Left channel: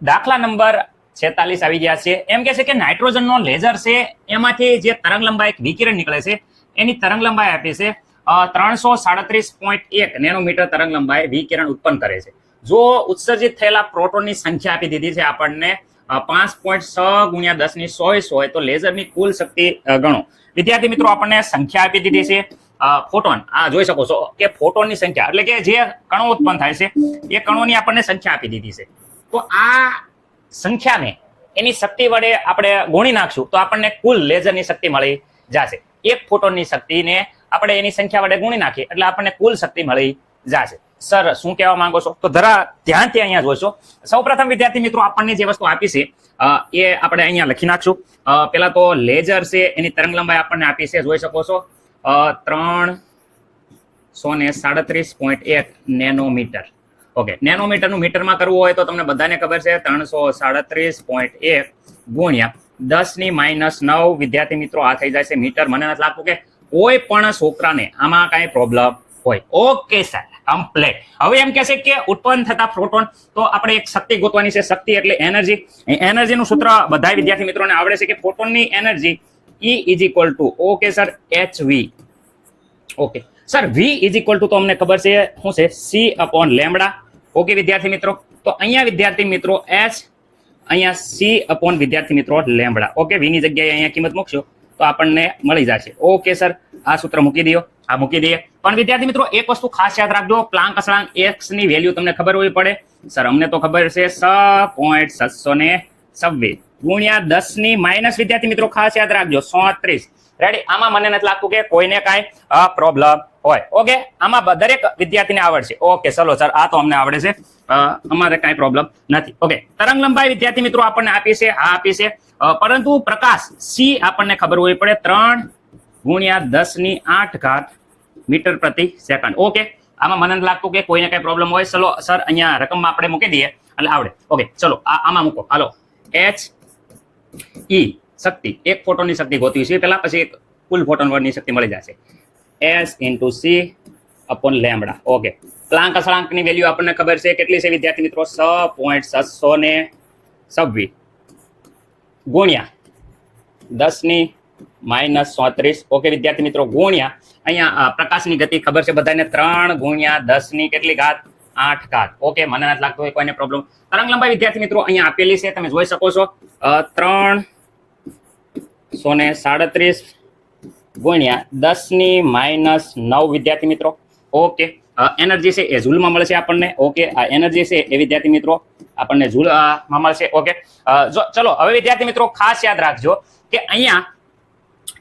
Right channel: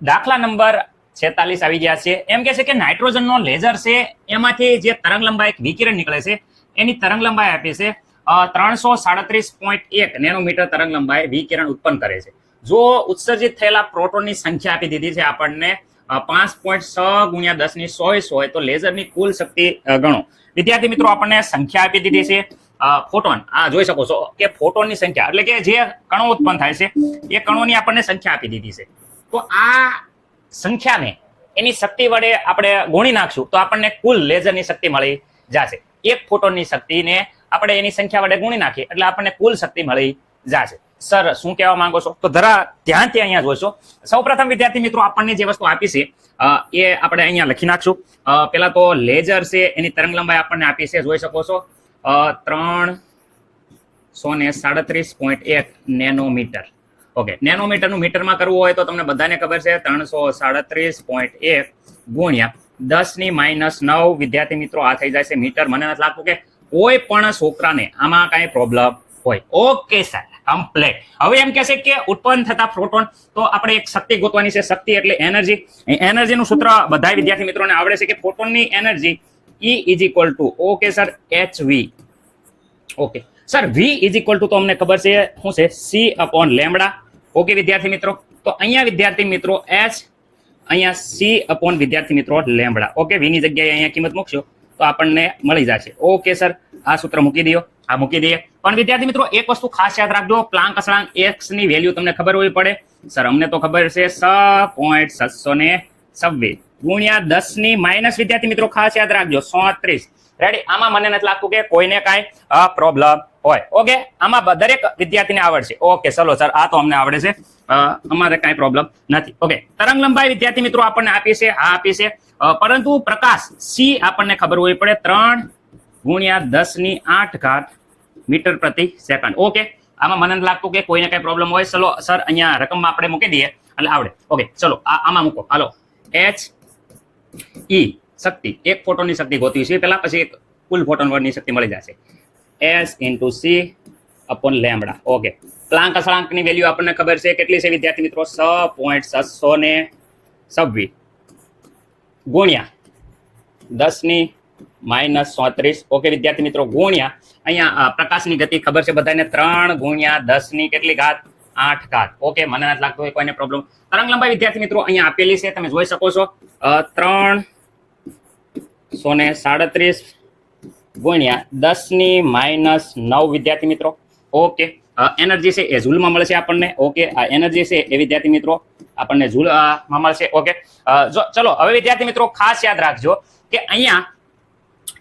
દાખલા નંબર 46 આવી ગયા છે. એમ કે છે કે નાઇટ્રોજનનો લેઝર છે એમાંથી જે તરંગ લંબાઈ વિકિરણ નીકળે છે એની તરંગ લંબાઈ આપી છે 337.1 નેનોમીટર તરંગ લંબાઈ વિકિરણ ઉત્પન્ન કરે છે. જો ઉત્સર્જિત થયેલા પ્રોટોનની સંખ્યા આપી દીધી છે આપણને 5.6 ગુણ્યા 10⁻²00 હોય તો લેઝરની કુલ શક્તિ ગણો. વિદ્યાર્થી મિત્રો આપણને સંખ્યા આપી દીધી છે ફોટોન. આ જોઈ શકો છો કે ફોટોનની સંખ્યા એટલે કે જે કણો ઉત્પન્ન થાય છે એ કણોની આપણને સંખ્યા આપી દીધી છે. તો આ સંખ્યાને એની શક્તિ વડે આપણે ગુણી નાખશું તો આપણને કુલ લેઝરની શક્તિ મળી જશે. એક ફોટોનની શક્તિને આપણે એની સંખ્યા વડે ગુણી નાખીએ એટલે આપણને કુલ શક્તિ મળી જશે. સર શું કહેવા માંગો છો? તો ધરા ધ્યાનથી અહીંયા જોઈશો. સૌપ્રથમ વિદ્યાર્થી મિત્રો આપણને જે વસ્તુ આપી છે એ આપણે અહીંયા લખી નાખશું. પેલા તો લેઝર છે એની તરંગ લંબાઈ આપણને આપી છે, જોઈ શકો છો 337.1 નેનોમીટર. ઓકે, નેનોમીટરનું મીટરમાં કરવું હોય તો તમને બધાને ખબર છે 337.1 ગુણ્યા 10⁻⁹ વિદ્યાર્થી મિત્રો આ થઈ જાય છે મીટર. મને નથી લાગતું કે કોઈ પણ છોકરાને આમાં કાંઈ પ્રોબ્લેમ હોય. Okay sir, complete. હવે એમ કહેશે કે ઉત્પન્ન થતા પ્રોટોન, તો આપણે એક શક્તિ ગોતવાની છે. શક્તિ એટલે એનર્જી. એનર્જીનું સૂત્ર બધા વિદ્યાર્થી મિત્રોને આવડે છે કે ફોટોનની energy E is equal to okay sir HV. Okay sir, V is equal to તો અમને ખબર છે શું છે C/λ. ઓકે વિદ્યાર્થી મિત્રો, તો અહીંયા વિદ્યાર્થી મિત્રો H, અહીંયા C/ વિદ્યાર્થી મિત્રો લેમ્બડા. ઓકે, V ની જગ્યાએ અહીંયા કિંમત મૂકશો તો આપણને મળી જશે. ઓકે સર, આ સૂત્ર મૂકી દો, આ મૂકી દઈએ. પણ વિદ્યાર્થી મિત્રો એક વસ્તુ ખાસ યાદ રાખજો, પ્લાન્ક અચળાંક x ની વેલ્યુ તમને ખબર હોવી પડે. સર અમને તો ખબર છે 6.726 ગુણ્યા 10⁻, વિદ્યાર્થી મિત્રો ખાસ યાદ રાખજો 37. રેડી? આમાં મને નથી લાગતું કે કોઈને કાંઈ પ્રોબ્લેમ હોય. ઓકે, આમાં દરેક વિદ્યાર્થીને આવડશે. ઓકે ચલો સર, આ તો અમને આવડે છે, અમારે કાંઈ પ્રોબ્લેમ નથી. ઓકે, તરંગ લંબાઈ વિદ્યાર્થી મિત્રો આપણને આપી છે, આ આપી છે, પરંતુ પ્રકાશ C આપણને ખબર હોવી પડે 3 ગુણ્યા 10⁸ મીટર પ્રતિ સેકન્ડ. ઓકે, આમાં મને નથી લાગતું કે કોઈને કઈ પ્રોબ્લેમ હોય. ચલો સર, અહીંયા રકમમાં આપણે મૂકી દઈએ એટલે આવડે. ઓકે ચલો, આમાં મૂકો. હાલો, H E શક્તિ, એક ફોટોનની શક્તિ ગોતવી છે પેલા, પછી એક કુલ ફોટોનની શક્તિ મળી જશે. S × C/λ. ઓકે, પ્લાન્ક અચળાંકની વેલ્યુ આપણને ખબર છે કેટલી છે વિદ્યાર્થી મિત્રો? 6.726 ગુણ્યા 10⁻⁻. ઓકે વિદ્યાર્થી મિત્રો, ગુણ્યા અહીંયા પ્રકાશની ગતિ ખબર છે બધાને 3 ગુણ્યા 10⁸8. ઓકે, મને નથી લાગતું કોઈને પ્રોબ્લેમ. તરંગ લંબાઈ વિદ્યાર્થી મિત્રો અહીંયા આપેલી છે, તમે જોઈ શકો છો 337 ગુણ્યા 10⁻⁹ વિદ્યાર્થી મિત્રો. ઓકે, એનર્જી છે એ જૂલમાં મળશે આપણને. ઓકે, આ એનર્જી છે એ વિદ્યાર્થી મિત્રો આપણને જૂલમાં મળશે. ઓકે, ચલો હવે વિદ્યાર્થી મિત્રો ખાસ યાદ રાખજો કે અહીંયા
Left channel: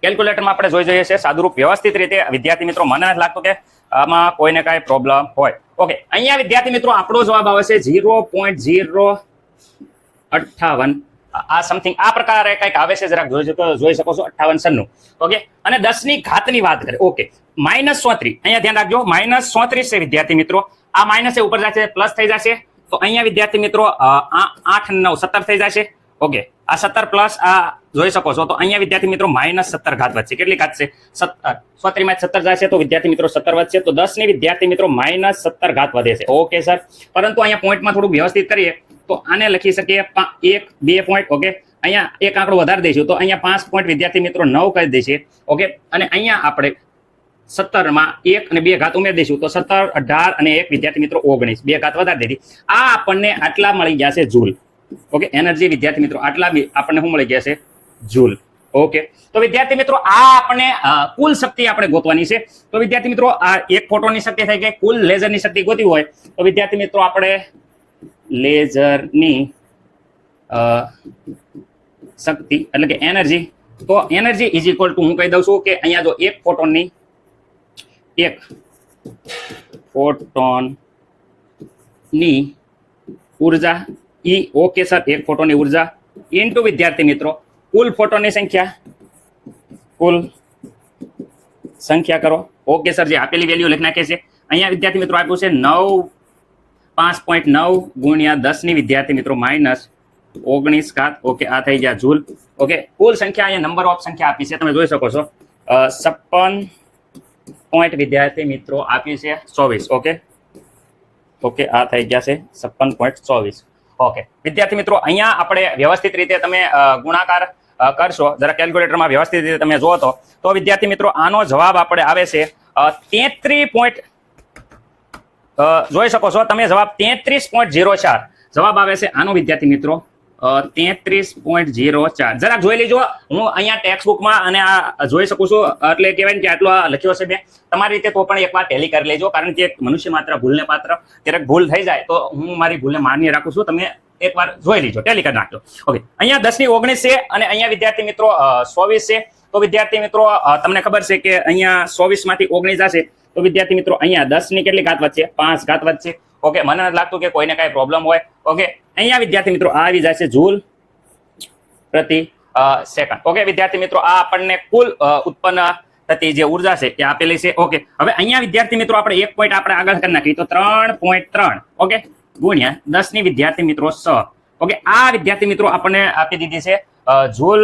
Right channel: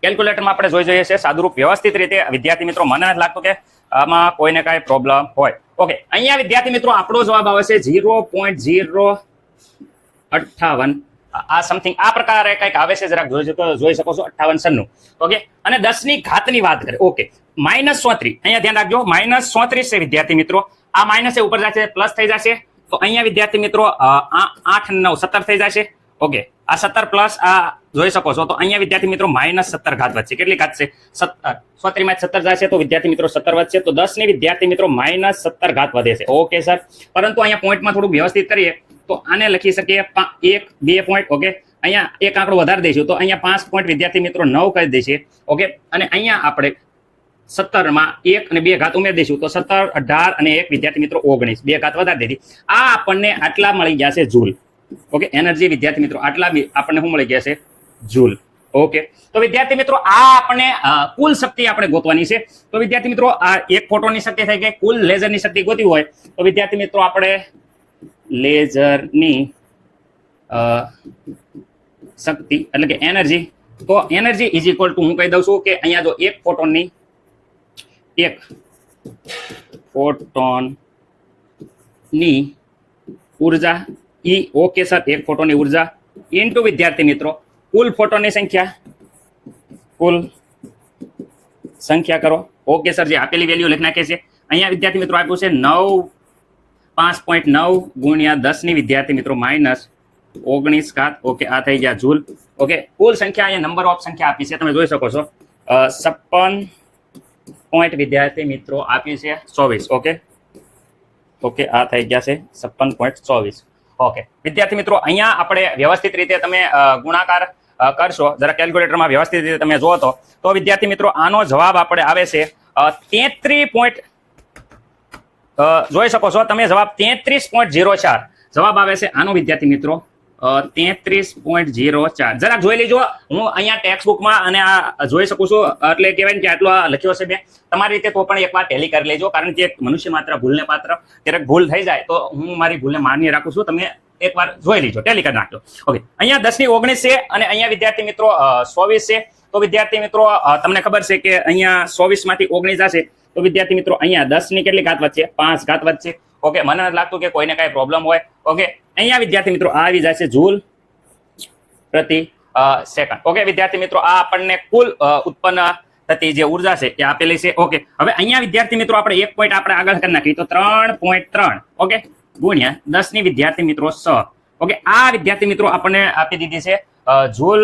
કેલ્ક્યુલેટરમાં આપણે જોઈ જઈએ છીએ સાદુરૂપ વ્યવસ્થિત રીતે. વિદ્યાર્થી મિત્રો મને નથી લાગતું કે આમાં કોઈને કાંઈ પ્રોબ્લેમ હોય. ઓકે, અહીંયા વિદ્યાર્થી મિત્રો આપણો જવાબ આવે છે 0.058. આ સમથિંગ આ પ્રકારે કંઈક આવે છે, જરાક જોઈ શકો છો 5896. ઓકે, અને 10⁻ની વાત કરીએ. ઓકે, -34, અહીંયા ધ્યાન રાખજો, -34 છે વિદ્યાર્થી મિત્રો. આ માઇનસ ઉપર જશે, પ્લસ થઈ જશે, તો અહીંયા વિદ્યાર્થી મિત્રો 8 9 17 થઈ જશે. ઓકે, આ 17 પ્લસ આ જોઈ શકો છો, તો અહીંયા વિદ્યાર્થી મિત્રો -17 ઘાત વધશે. કેટલી ઘાત છે? 34 માં 17 જશે તો વિદ્યાર્થી મિત્રો 17 વધશે, તો 10 ની વિદ્યાર્થી મિત્રો -17 ઘાત વધે છે. ઓકે સર, પરંતુ અહીંયા પોઈન્ટમાં થોડું વ્યવસ્થિત કરીએ તો આને લખી શકીએ 1 2 પોઈન્ટ. ઓકે, અહીંયા એક આંકડો વધારે દઈશું તો અહીંયા 5 પોઈન્ટ વિદ્યાર્થી મિત્રો 9 કરી દઈશું. ઓકે, અને અહીંયા આપણે 17 માં 1 અને 2 ઘાત ઉમેરી દઈશું તો 17 18 અને 1 વિદ્યાર્થી મિત્રો 19, 2 ઘાત વધારી દીધી. આ આપણને આટલા મળી ગયા છે જૂલ. ઓકે, એનર્જી વિદ્યાર્થી મિત્રો આટલા આપણને શું મળી ગયા છે? જૂલ. ઓકે, તો વિદ્યાર્થી મિત્રો આ આપણને કુલ શક્તિ આપણે ગોતવાની છે. તો વિદ્યાર્થી મિત્રો આ એક ફોટોનની શક્તિ થઈ ગઈ. કુલ લેઝરની શક્તિ ગોતવી હોય તો વિદ્યાર્થી મિત્રો આપણે લેઝરની શક્તિ એટલે કે એનર્જી, તો એનર્જી ઇઝ ઇક્વલ ટુ હું કહી દઉં છું કે અહીંયા જો એક ફોટોનની ઉર્જા E. ઓકે સર, એક ફોટોની ઉર્જા ઇન્ટુ વિદ્યાર્થી મિત્રો કુલ ફોટોનની સંખ્યા કરો. ઓકે સર, જે આપેલી વેલ્યુ લખી નાખે છે અહીંયા વિદ્યાર્થી મિત્રો આપ્યું છે 5.9 ગુણ્યા 10 ની વિદ્યાર્થી મિત્રો -19. ઓકે, આ થઈ ગયા જૂલ. ઓકે, કુલ સંખ્યા અહીંયા નંબર ઓફ સંખ્યા આપી છે, તમે જોઈ શકો છો 56 પોઈન્ટ વિદ્યાર્થી મિત્રો આપી છે 24. ઓકે, આ થઈ ગયા છે 56.24. ઓકે વિદ્યાર્થી મિત્રો, અહીંયા આપણે વ્યવસ્થિત રીતે તમે ગુણાકાર કરશો, જરા કેલ્ક્યુલેટરમાં વ્યવસ્થિત રીતે તમે જો તો વિદ્યાર્થી મિત્રો આનો જવાબ આપણે આવે છે 33. જોઈ શકો છો તમે જવાબ 33.04 જવાબ આવે છે આનો વિદ્યાર્થી મિત્રો 33.04. જરાક જોઈ લેજો, હું અહીંયા ટેક્સ્ટ બુકમાં અને આ જોઈ શકું છું, એટલે કહેવાય કે આટલો લખ્યો છે મેં. તમારી રીતે તો પણ એકવાર ટેલી કરી લેજો, કારણ કે મનુષ્ય માત્ર ભૂલને પાત્ર, ક્યારેક ભૂલ થઈ જાય તો હું મારી ભૂલને માન્ય રાખું છું. તમે એકવાર જોઈ લેજો, ટેલી કરી નાખજો. ઓકે, અહીંયા 10 ની 19 છે અને અહીંયા વિદ્યાર્થી મિત્રો 24 છે. તો વિદ્યાર્થી મિત્રો તમને ખબર છે કે અહીંયા 24 માંથી 19 જશે તો વિદ્યાર્થી મિત્રો અહીંયા 10 ની કેટલી ઘાત વધશે? 5 ઘાત વધશે. ઓકે, મને નથી લાગતું કે કોઈને કઈ પ્રોબ્લેમ હોય. ઓકે, અહીંયા વિદ્યાર્થી મિત્રો આ આવી જાય છે જૂલ પ્રતિ સેકન્ડ. ઓકે વિદ્યાર્થી મિત્રો, આ આપણને કુલ ઉત્પન્ન થતી જે ઉર્જા છે એ આપેલી છે. ઓકે, હવે અહીંયા વિદ્યાર્થી મિત્રો આપણે એક પોઈન્ટ આપણે આગળ કરી નાખીએ તો 3.3 ઓકે ગુણ્યા 10 ની વિદ્યાર્થી મિત્રો 6. ઓકે, આ વિદ્યાર્થી મિત્રો આપણને આપી દીધી છે જૂલ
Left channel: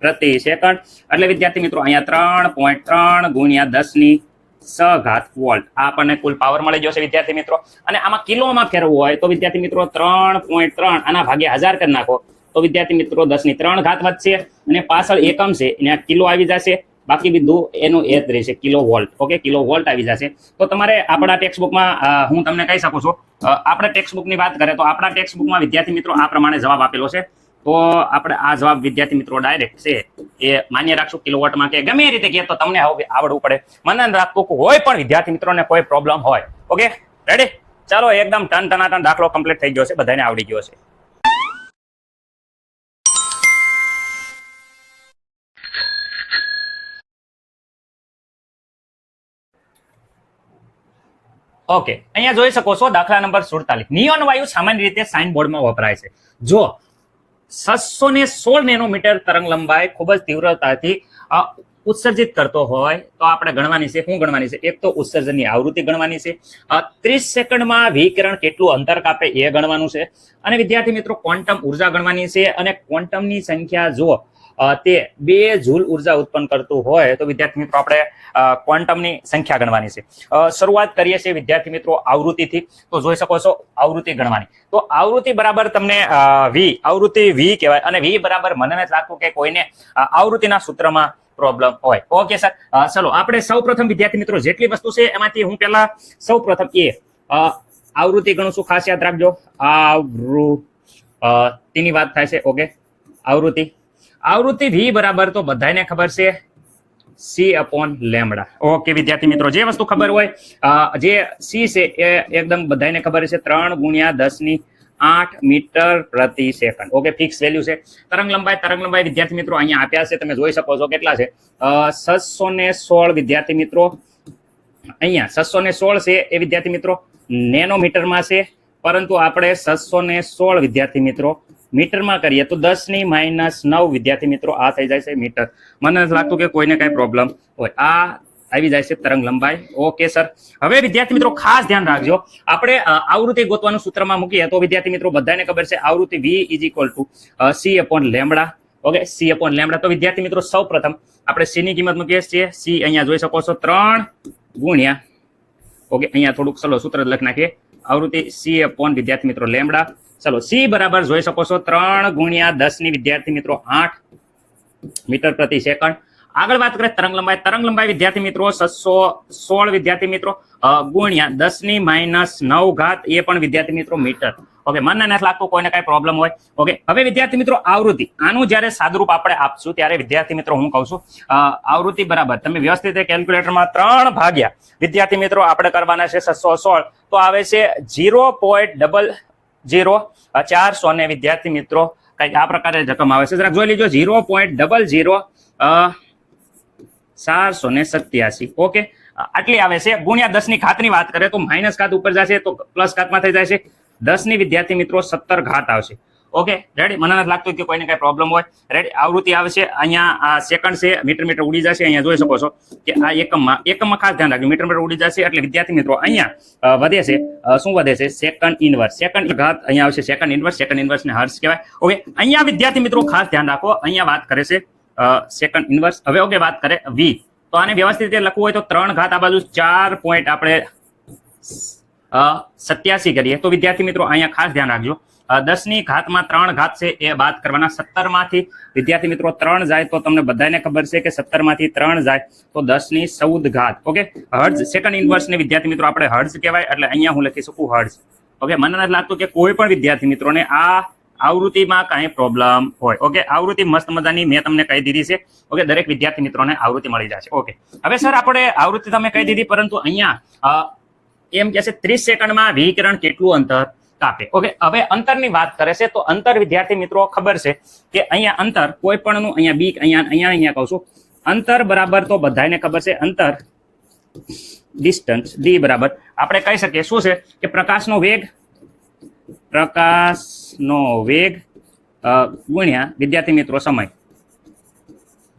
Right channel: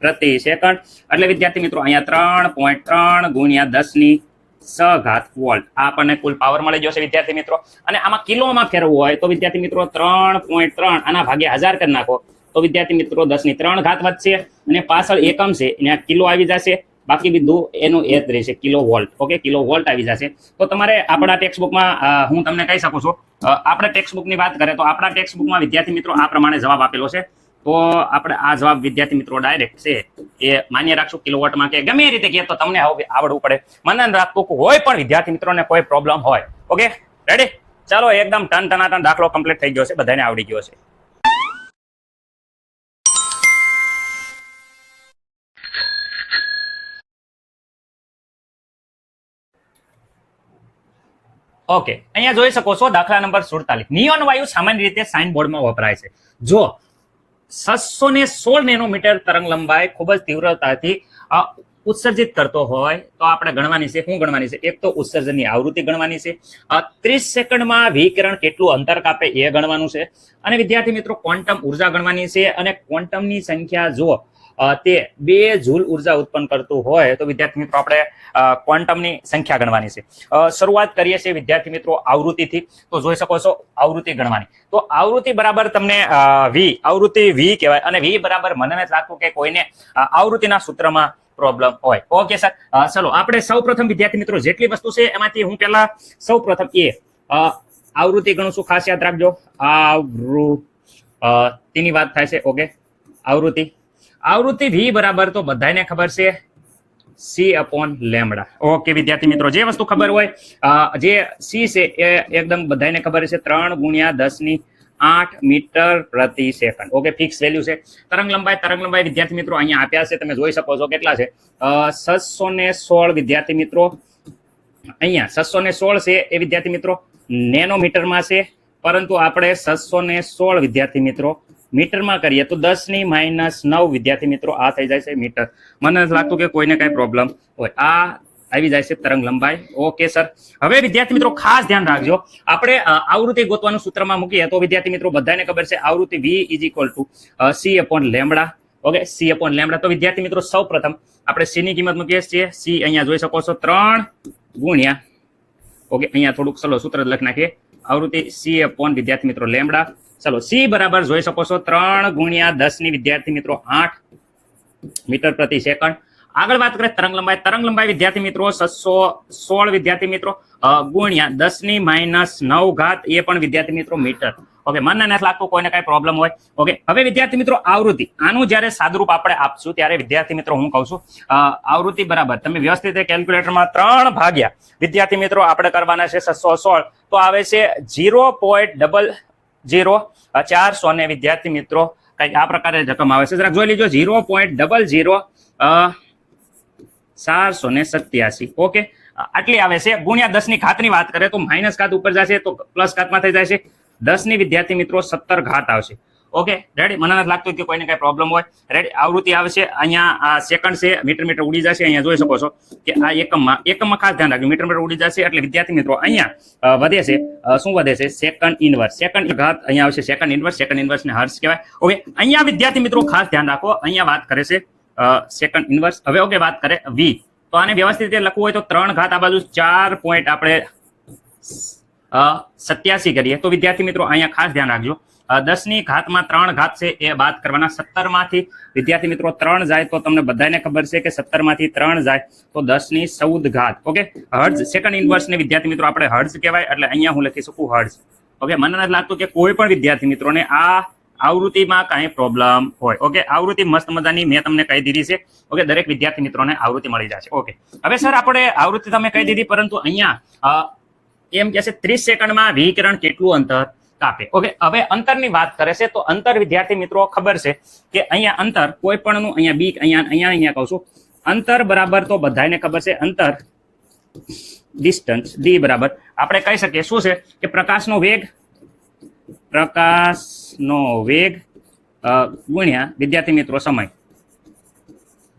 પ્રતિ સેકન્ડ. એટલે વિદ્યાર્થી મિત્રો અહીંયા 3.3 ગુણ્યા 10 ની 6 ઘાત વોલ્ટ આ આપણને કુલ પાવર મળી જશે વિદ્યાર્થી મિત્રો. અને આમાં કિલોમાં ફેરવવું હોય તો વિદ્યાર્થી મિત્રો 3.3 આના ભાગ્યા 1000 કરી નાખો તો વિદ્યાર્થી મિત્રો 10 ની 3 ઘાત વધશે અને પાછળ એકમ છે એને કિલો આવી જશે, બાકી બધું એનું એ જ રહેશે kilo volt. Okay, kilo volt આવી જશે. તો તમારે આપણા ટેક્સ્ટ બુકમાં હું તમને કહી શકું છું, આપણા ટેક્સ્ટ બુકની વાત કરીએ તો આપણા ટેક્સ્ટ બુકમાં વિદ્યાર્થી મિત્રો આ પ્રમાણે જવાબ આપેલો છે. તો આપણે આ જવાબ વિદ્યાર્થી મિત્રો ડાયરેક્ટ છે એ માન્ય રાખશું કિલોવોટમાં કે ગમે એ રીતે કહે તો તમને આવડવું પડે. મને રાખતું હોય પણ વિદ્યાર્થી મિત્રોને કોઈ પ્રોબ્લેમ હોય. ઓકે રેડી, ચાલો એકદમ ટનાટન દાખલો કમ્પ્લીટ થઈ ગયો છે, બધાને આવડી ગયો છે. ઓકે, અહીંયા જોઈ શકો છો દાખલા નંબર 47. નિયોન વાયુ સામાન્ય રીતે સાઇન બોર્ડમાં વપરાય છે. જો 616 નેનોમીટર તરંગ લંબાઈ ખૂબ જ તીવ્રતાથી ઉત્સર્જિત કરતો હોય તો આપણે ગણવાની છે. શું ગણવાની છે? એક તો ઉત્સર્જનની આવૃત્તિ ગણવાની છે, 30 સેકન્ડમાં વિકિરણ કેટલું અંતર કાપે એ ગણવાનું છે, અને વિદ્યાર્થી મિત્રો ક્વોન્ટમ ઉર્જા ગણવાની છે. અને ક્વોન્ટમની સંખ્યા જો તે 2 જૂલ ઉર્જા ઉત્પન્ન કરતું હોય તો વિદ્યાર્થી મિત્રો આપણે ક્વોન્ટમની સંખ્યા ગણવાની છે. શરૂઆત કરીએ છીએ વિદ્યાર્થી મિત્રો આવૃત્તિથી. તો જોઈ શકો છો આવૃત્તિ ગણવાની. તો આવૃત્તિ બરાબર તમને આવૃત્તિ વી કહેવાય, અને વી બરાબર મને નથી લાગતું કે કોઈને આવૃત્તિના સૂત્રમાં પ્રોબ્લેમ હોય. ઓકે સર, ચલો આપણે સૌપ્રથમ વિદ્યાર્થી મિત્રો જેટલી વસ્તુ છે એમાંથી હું પહેલા સૌપ્રથમ આવૃત્તિ ગણું છું. ખાસ યાદ રાખજો, આવૃત્તિની વાત થાય છે. ઓકે, આવૃત્તિ વી બરાબર તો બધાને ખબર છે C/λ. ઓકે વિદ્યાર્થી મિત્રો, જે વસ્તુ ખબર હોય જે સી છે એ એકદમ બધાને ખબર છે 3 ગુણ્યા 10 ની 8 મીટર પ્રતિ સેકન્ડ. ઓકે, ફિક્સ વેલ્યુ છે. તરંગ લંબાઈ વિદ્યાર્થી મિત્રો અહીંયા આપ્યા છે, તમે જોઈ શકો છો કેટલા છે 616 વિદ્યાર્થી મિત્રો. અહીંયા 616 છે એ વિદ્યાર્થી મિત્રો નેનોમીટરમાં છે, પરંતુ આપણે 616 વિદ્યાર્થી મિત્રો મીટરમાં કરીએ તો 10 ની -9 વિદ્યાર્થી મિત્રો આ થઈ જાય છે મીટર. મને નથી લાગતું કે કોઈને કઈ પ્રોબ્લેમ હોય. આ આવી જાય છે તરંગ લંબાઈ. ઓકે સર, હવે વિદ્યાર્થી મિત્રો ખાસ ધ્યાન રાખજો, આપણે આવૃત્તિ ગોતવાનું સૂત્રમાં મૂકીએ તો વિદ્યાર્થી મિત્રો બધાને ખબર છે આવૃત્તિ V = C/λ. Okay, C/λ. તો વિદ્યાર્થી મિત્રો સૌપ્રથમ આપણે C ની કિંમત મૂકીએ છીએ. C અહીંયા જોઈ શકો છો 3 ગુણ્યા, ઓકે અહીંયા થોડુંક ચલો સૂત્ર લખી નાખીએ, આવૃત્તિ C/ વિદ્યાર્થી મિત્રો લેમ્બડા. ચલો C બરાબર જોઈ શકો છો 3 ગુણ્યા 10 ની વિદ્યાર્થી મિત્રો 8 મીટર પ્રતિ સેકન્ડ. આગળ વાત કરીએ તરંગ લંબાઈ વિદ્યાર્થી મિત્રો 616 વિદ્યાર્થી મિત્રો ગુણ્યા 10 ની -9 ઘાત એ પણ વિદ્યાર્થી મિત્રો મીટર. ઓકે, મને નથી લાગતું કોઈને કઈ પ્રોબ્લેમ હોય. ઓકે, હવે વિદ્યાર્થી મિત્રો આવૃત્તિ આનું જ્યારે સાદુરૂપ આપણે આપશું ત્યારે વિદ્યાર્થી મિત્રો હું કહું છું આવૃત્તિ બરાબર તમે વ્યવસ્થિત કેલ્ક્યુલેટરમાં 3 ભાગ્યા વિદ્યાર્થી મિત્રો આપણે કરવાના છે 616 તો આવે છે 0.00 ને વિદ્યાર્થી મિત્રો કઈક આ પ્રકારે રકમ આવે છે. જરા જોઈ લીજો 0.00487. ઓકે, આટલી આવે છે. ગુણ્યા 10 ની ઘાતની વાત કરે તો માઇનસ ઘાત ઉપર જશે તો પ્લસ ઘાતમાં થઈ જાય છે. 10 ની વિદ્યાર્થી મિત્રો 17 ઘાત આવશે. ઓકે રેડી, મને નથી લાગતું કે કોઈને કઈ પ્રોબ્લેમ હોય. રેડી, આવૃત્તિ આવશે અહીંયા આ સેકન્ડ છે, મીટર ઉડી જશે. અહીંયા જોઈ શકો છો કે આ એકમમાં ખાસ ધ્યાન રાખજો, મીટર ઉડી જશે એટલે વિદ્યાર્થી મિત્રો અહીંયા વધે છે શું વધે છે સેકન્ડ ઇનવર્સ. સેકન્ડ ઘાત અહીંયા આવશે સેકન્ડ ઇનવર્સ ને હર્ટ્ઝ કહેવાય. ઓકે, અહીંયા વિદ્યાર્થી મિત્રો ખાસ ધ્યાન રાખો, અહીંયા વાત કરે છે સેકન્ડ ઇનવર્સ. હવે ઓકે વાત કરે વી, તો આને વ્યવસ્થિત રીતે લખવું હોય તો 3 ઘાત આ બાજુ 4 પોઈન્ટ આપણે 87 કરીએ તો વિદ્યાર્થી મિત્રો અહીંયા ખાસ ધ્યાન રાખજો 10 ની ઘાતમાં 3 ઘાત છે એ બાદ કરવાના. 17 માંથી વિદ્યાર્થી મિત્રો 3 જાય તો તમને બધાને ખબર છે કે 17 માંથી 3 જાય તો 10 ની 14 ઘાત. ઓકે, હર્ટ્ઝ સેકન્ડ ઇન્વર્સ ને વિદ્યાર્થી મિત્રો આપણે હર્ટ્ઝ કહેવાય, એટલે અહીંયા હું લખી શકું હર્ટ્ઝ. ઓકે, મને નથી લાગતું કે કોઈ પણ વિદ્યાર્થી મિત્રોને આ આવૃત્તિમાં કાંઈ પ્રોબ્લેમ હોય. ઓકે, આવૃત્તિ મસ્ત મજાની મેં તમને કહી દીધી છે. ઓકે, દરેક વિદ્યાર્થી મિત્રોને આવૃત્તિ મળી જશે. ઓકે, હવે સર આપણે આવૃત્તિ તમે કહી દીધી, પરંતુ અહીંયા એમ કે છે 30 સેકન્ડમાં વિકિરણ કેટલું અંતર કાપે. ઓકે, હવે અંતરની વાત કરે છે તો અંતર વિદ્યાર્થી મિત્રો ખબર છે કે અહીંયા અંતર કોઈ પણનું અહીંયા બી અહીંયા કહું છું અંતર બરાબર તો બધાને ખબર છે અંતર ડિસ્ટન્સ ડી બરાબર આપણે કહી શકીએ શું છે કે પ્રકાશનો વેગ ગુણ્યા વિદ્યાર્થી મિત્રો સમય.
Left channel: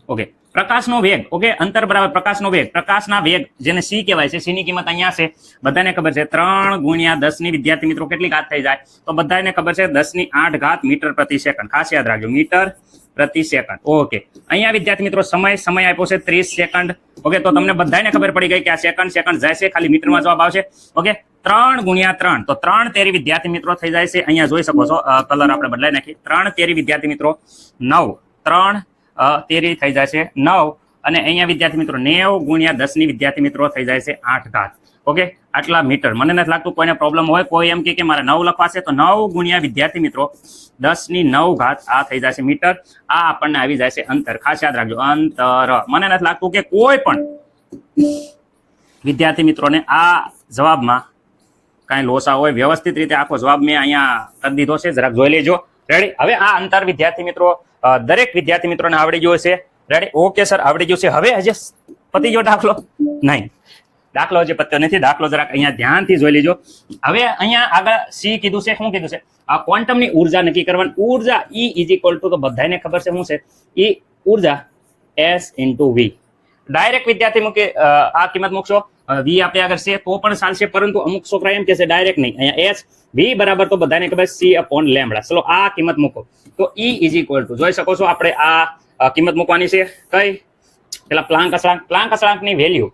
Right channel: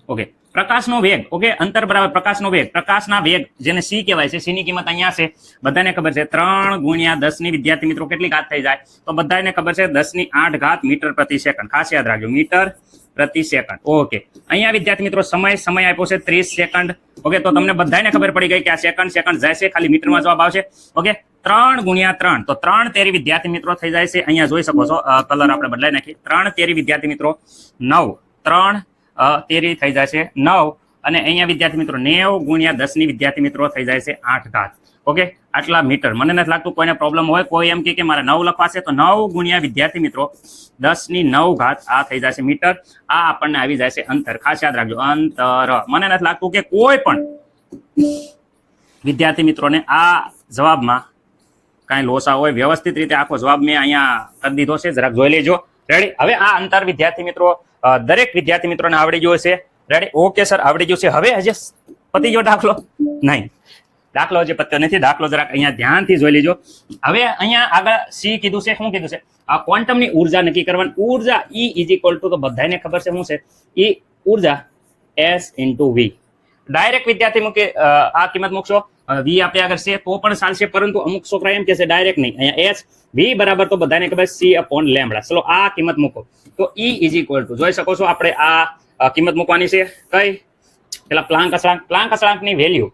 ઓકે, પ્રકાશનો વેગ. ઓકે, અંતર બરાબર પ્રકાશનો વેગ. પ્રકાશના વેગ જેને સી કહેવાય છે, સી ની કિંમત અહીંયા છે, બધાને ખબર છે 3 ગુણ્યા 10 ની વિદ્યાર્થી મિત્રો કેટલી ઘાત થઈ જાય તો બધાને ખબર છે 10 ની 8 ઘાત મીટર પ્રતિ સેકન્ડ. ખાસ યાદ રાખજો, મીટર પ્રતિ સેકન્ડ. ઓકે, અહીંયા વિદ્યાર્થી મિત્રો સમય આપ્યો છે 30 સેકન્ડ. ઓકે, તો તમને બધાને ખબર પડી ગઈ કે આ સેકન્ડ જાય છે, ખાલી મીટરમાં જવાબ આવશે. ઓકે, 3 ગુણ્યા 3 તો 3 તેરી વિદ્યાર્થી મિત્રો થઈ જાય છે. અહીંયા જોઈ શકો છો કલર આપણે બદલાઈ નાખી. 3 તેરી વિદ્યાર્થી મિત્રો 9, 3 તેરી થઈ જાય છે 9, અને અહીંયા વિદ્યાર્થી મિત્રો 90 ગુણ્યા 10 ની વિદ્યાર્થી મિત્રો થઈ જાય છે 8 ઘાત. ઓકે, આટલા મીટર. મને નથી લાગતું કોઈને પ્રોબ્લેમ હોય. કોઈ એમ કે મારે 9 લખવાશે તો 9 ગુણ્યા વિદ્યાર્થી મિત્રો 10 ની 9 ઘાત આ થઈ જાય છે મીટર. આ આપણને આવી જાય છે અંતર. ખાસ યાદ રાખજો અંતર. મને નથી લાગતું કે કોઈ પણ વિદ્યાર્થી મિત્રોને આ જવાબમાં કાંઈ લોસા હોય. વ્યવસ્થિત રીતે આખો જવાબ મેં અહીંયા કરી દીધો છે, જરાક જોઈ લેજો. રેડી? હવે આ અંતર વિદ્યાર્થી મિત્રો દરેક વિદ્યાર્થી મિત્રોને આવડી ગયું છે. રેડી? ઓકે સર, આવડી ગયું છે. હવે હજી પતી ગયો દાખલો? નહીં, દાખલો હજી પત્યો નથી. દાખલો જરાક અહીંયા ધ્યાનથી જોઈ લેજો. હવે અહીંયા આગળ સી કીધું છે, શું કીધું છે? આ ક્વોન્ટમની ઉર્જા નક્કી કરવાની. ઉર્જા E ઇઝ ઇક્વલ ટુ, તો બધાને ખબર છે શું છે? E ઉર્જા S ઇન્ટુ V. ડાયરેક્ટ વિદ્યાર્થી મૂકે આ કિંમત મૂકશો, V આપણે આગળ છે તો પણ ચાલશે, પરંતુ અમુક છોકરા એમ કહેશે ડાયરેક્ટ નહીં. અહીંયા S V બરાબર તો બધાને ખબર C અપોન લેમ્બડા. ચલો આ કિંમત મૂકો તો E ઇઝ ઇક્વલ ટુ જોઈ શકો છો આપણે આ કિંમત મૂકવાની છે. કઈ? પેલા પ્લાન્ક અચળાંકની value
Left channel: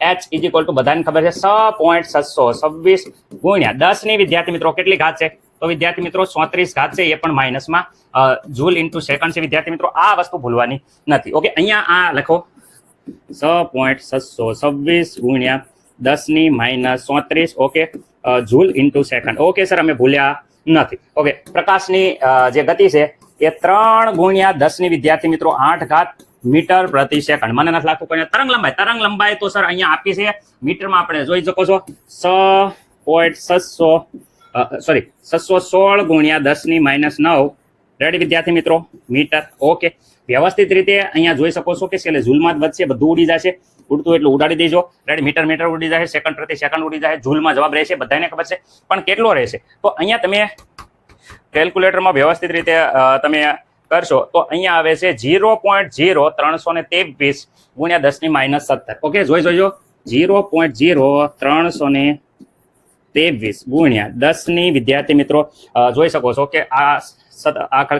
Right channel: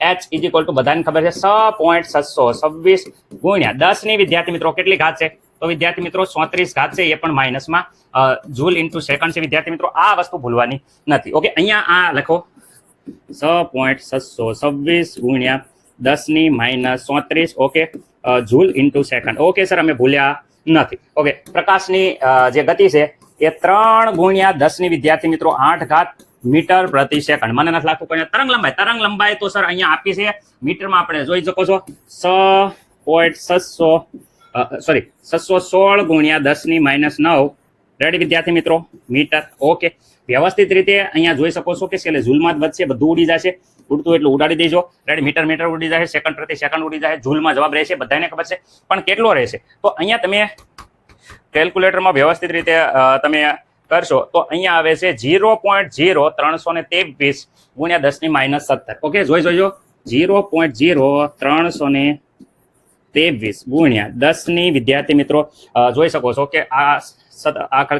H is equal to બધાને ખબર છે 6.626 ગુણ્યા 10 ની વિદ્યાર્થી મિત્રો કેટલી ઘાત છે તો વિદ્યાર્થી મિત્રો 34 ઘાત છે, એ પણ માઇનસમાં જૂલ ઇન્ટુ સેકન્ડ છે. વિદ્યાર્થી મિત્રો આ વસ્તુ ભૂલવાની નથી. ઓકે, અહીંયા આ લખો 6.626 ગુણ્યા 10 ની -34. Okay, joule into second. Okay sir, અમે ભૂલ્યા નથી. ઓકે, પ્રકાશની જે ગતિ છે એ 3 ગુણ્યા 10 ની વિદ્યાર્થી મિત્રો 8 ઘાત મીટર પ્રતિ સેકન્ડ. મને નથી લાગતું કોઈ તરંગ લંબાઈ તો સર અહીંયા આપી છે મીટરમાં. આપણે જોઈ શકો છો 616 ગુણ્યા 10 ની -9. રેડી વિદ્યાર્થી મિત્રો? મીટર. ઓકે, વ્યવસ્થિત રીતે અહીંયા જોઈ શકો છો કે છેલ્લે ઝૂલમાં જ વધશે, બધું ઉડી જશે. ઉડતું એટલું ઉડાડી દેજો. રેડી? મીટર ઉડી જાય, સેકન્ડ પ્રતિ સેકન્ડ ઉડી જાય, ઝૂલમાં જવાબ રહેશે, બધાને ખબર છે. પણ કેટલો રહેશે તો અહીંયા તમે કેલ્ક્યુલેટરમાં વ્યવસ્થિત રીતે તમે કરશો તો અહીંયા આવે છે 0.0323 ગુણ્યા 10 ની -17. ઓકે, જોઈજો 0.0323 ગુણ્યા 10 ની વિદ્યાર્થી મિત્રો જોઈ શકો છો કે આ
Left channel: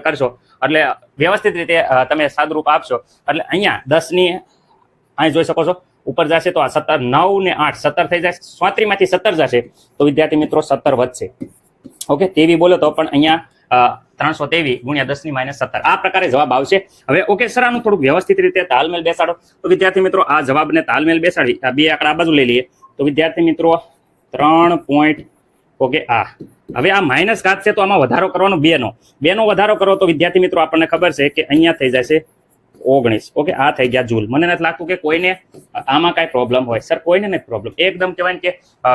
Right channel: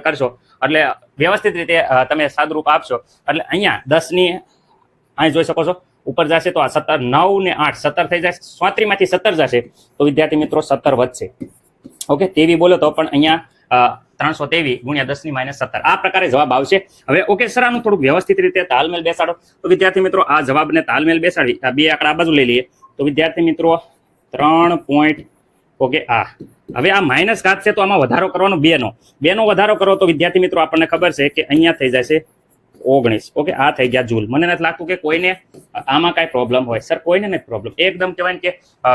કરશો એટલે વ્યવસ્થિત રીતે તમે સાદુરૂપ આપશો એટલે અહીંયા 10 ની અહીં જોઈ શકો છો ઉપર જશે તો આ 17, 9 ને 8 17 થઈ જાય. 34 માંથી 17 જશે તો વિદ્યાર્થી મિત્રો 17 વધશે. ઓકે, તેવી બોલો તો પણ અહીંયા 323 ગુણ્યા 10 ની -17 આ પ્રકારે જવાબ આવશે. હવે ઓકે સર, આનું થોડુંક વ્યવસ્થિત રીતે તાલમેલ બેસાડો તો વિદ્યાર્થી મિત્રો આ જવાબને તાલમેલ બેસાડી આ બે આંકડા બાજુ લઈ લઈએ તો વિદ્યાર્થી મિત્રો 3. ઓકે, હવે આ માઇનસ ઘાત છે તો આમાં વધારો કરવાનો 2 નો વધારો કરો તો વિદ્યાર્થી મિત્રો આપણને ખબર છે કે અહીંયા થઈ જશે 19. ઓકે, આ થઈ ગયા જૂલ. મને નથી લાગતું કે કોઈને આમાં કાંઈ પ્રોબ્લેમ હોય. સર કોઈને નથી પ્રોબ્લેમ, એકદમ કહેવાય ને કે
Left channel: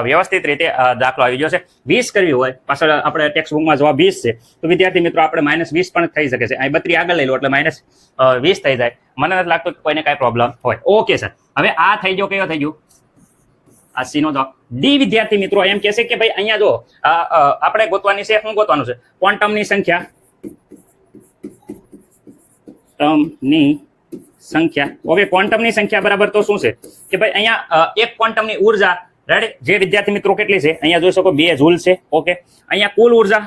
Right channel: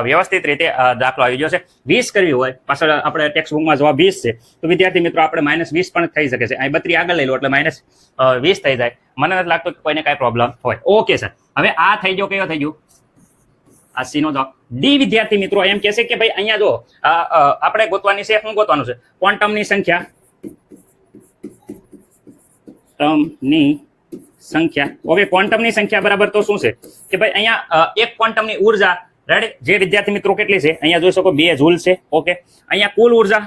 વ્યવસ્થિત રીતે દાખલો આવી ગયો છે. 20 કરવી હોય, પાછળ આપણે ટેક્સ્ટ બુકમાં જવાબ 20 છે તો વિદ્યાર્થી મિત્રો આપણે -20 પણ થઈ શકે છે. અહીં 32 આગળ લઈ લો એટલે -20 થઈ જાય. મને નથી લાગતું કે કોઈને કાંઈ પ્રોબ્લેમ હોય. ઓકે સર, હવે આ થઈ ગયો, કયો થઈ ગયું? આ સી નો જવાબ. ડી વિદ્યાર્થી મિત્રો એમ કહે છે કે ભાઈ અહીંયા જો આપણે ગોતવાની છે, શું ગોતવાનું છે? ક્વોન્ટમની સંખ્યા. ઓકે, ક્વોન્ટમની સંખ્યા બરાબર તો શું છે કે ભાઈ અહીંયા એક ક્વોન્ટમની ઉર્જા. રેડી? જે વિદ્યાર્થી મિત્રો કેટલી છે અહીંયા જોઈ શકો 2 જૂલ છે. ઓકે, અહીંયા કુલ ઉર્જા.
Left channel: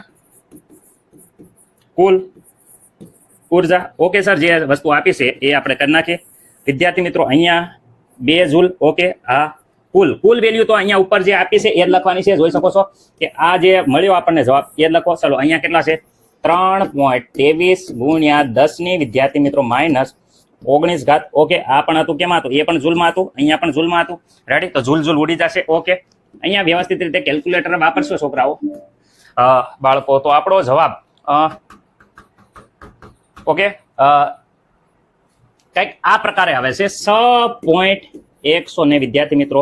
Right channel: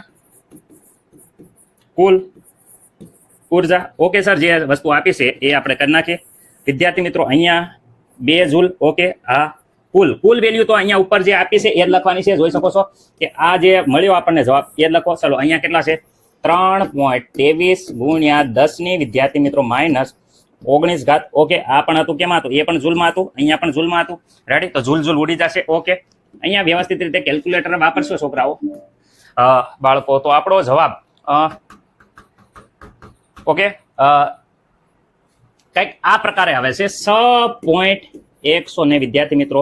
ઓકે સર, જે વસ્તુ આપી છે એ આપણે કરી નાખીએ. વિદ્યાર્થી મિત્રો અહીંયા 2 જૂલ. ઓકે, આ કુલ વેલ્યુ તો અહીંયા ઉપર જે આપી છે એ જ લખવાની છે. જોઈ શકો છો કે આ જે મળ્યો આપણને જવાબ એ જ લખો. ચલો અહીંયા કેટલા છે 3.23 ગુણ્યા 10 ની વિદ્યાર્થી મિત્રો માઇનસ 19 ઘાત. ઓકે, આ પણ હતું કેમાં હતું? એ પણ જૂલમાં હતું, અહીંયા પણ જૂલમાં હતું. રેડી? તો જૂલ ઉડી જશે. ઓકે, અહીંયા વ્યવસ્થિત રીતે કેલ્ક્યુલેટર વાપરશો છોકરાઓ બાળકો, તો આપણો જવાબ ઓકે કંઈક આ પ્રકારે આવે છે 6.100 વિદ્યાર્થી મિત્રો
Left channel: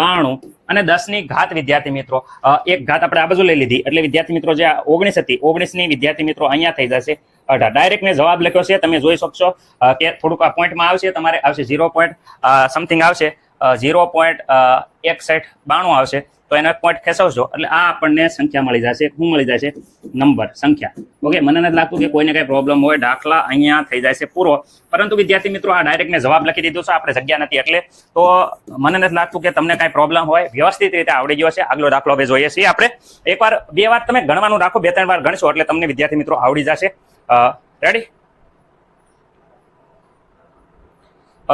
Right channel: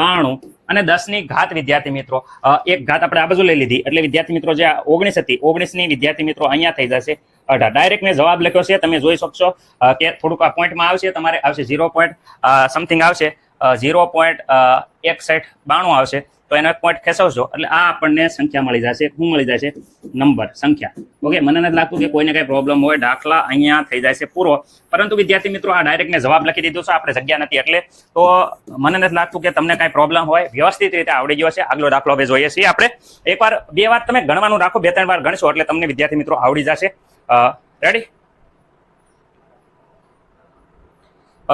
92 અને 10 ની ઘાત વિદ્યાર્થી મિત્રો એક ઘાત આપણે આ બાજુ લઈ લીધી એટલે વિદ્યાર્થી મિત્રો જે 19 હતી 19 ની વિદ્યાર્થી મિત્રો અહીંયા થઈ જશે 18. ડાયરેક્ટ મેં જવાબ લખ્યો છે, તમે જોઈ શકશો કે થોડુંક આ પોઈન્ટમાં આવશે, તમારે આવશે 0. સમથિંગ આવશે 0.6192 આવશે, તો એનો પોઈન્ટ ખેંચવશો એટલે આ આપણને સંખ્યા મળી જશે. શું મળી જશે? નંબર, સંખ્યા. ઓકે, મને નથી લાગતું કે કોઈને કઈ પ્રોબ્લેમ હોય. દાખલા અહીંયા થઈ જાય છે પૂરો, પરંતુ વિદ્યાર્થી મિત્રો આ ડાયરેક્ટ મેં જવાબ લખી દીધું છે, આપણે જગ્યા નથી એટલે, તો મને નથી લાગતું કે તમને કઈ પ્રોબ્લેમ હોય. વ્યવસ્થિત રીતે આવડી ગયો છે. આગલો દાખલો હવે જોઈએ છીએ આપણે. એકવાર બે વાર તમે ગણવાનું રાખો, 2-3 વાર ગણશો એટલે તમને વિદ્યાર્થી મિત્રો આવડી જશે. રેડી?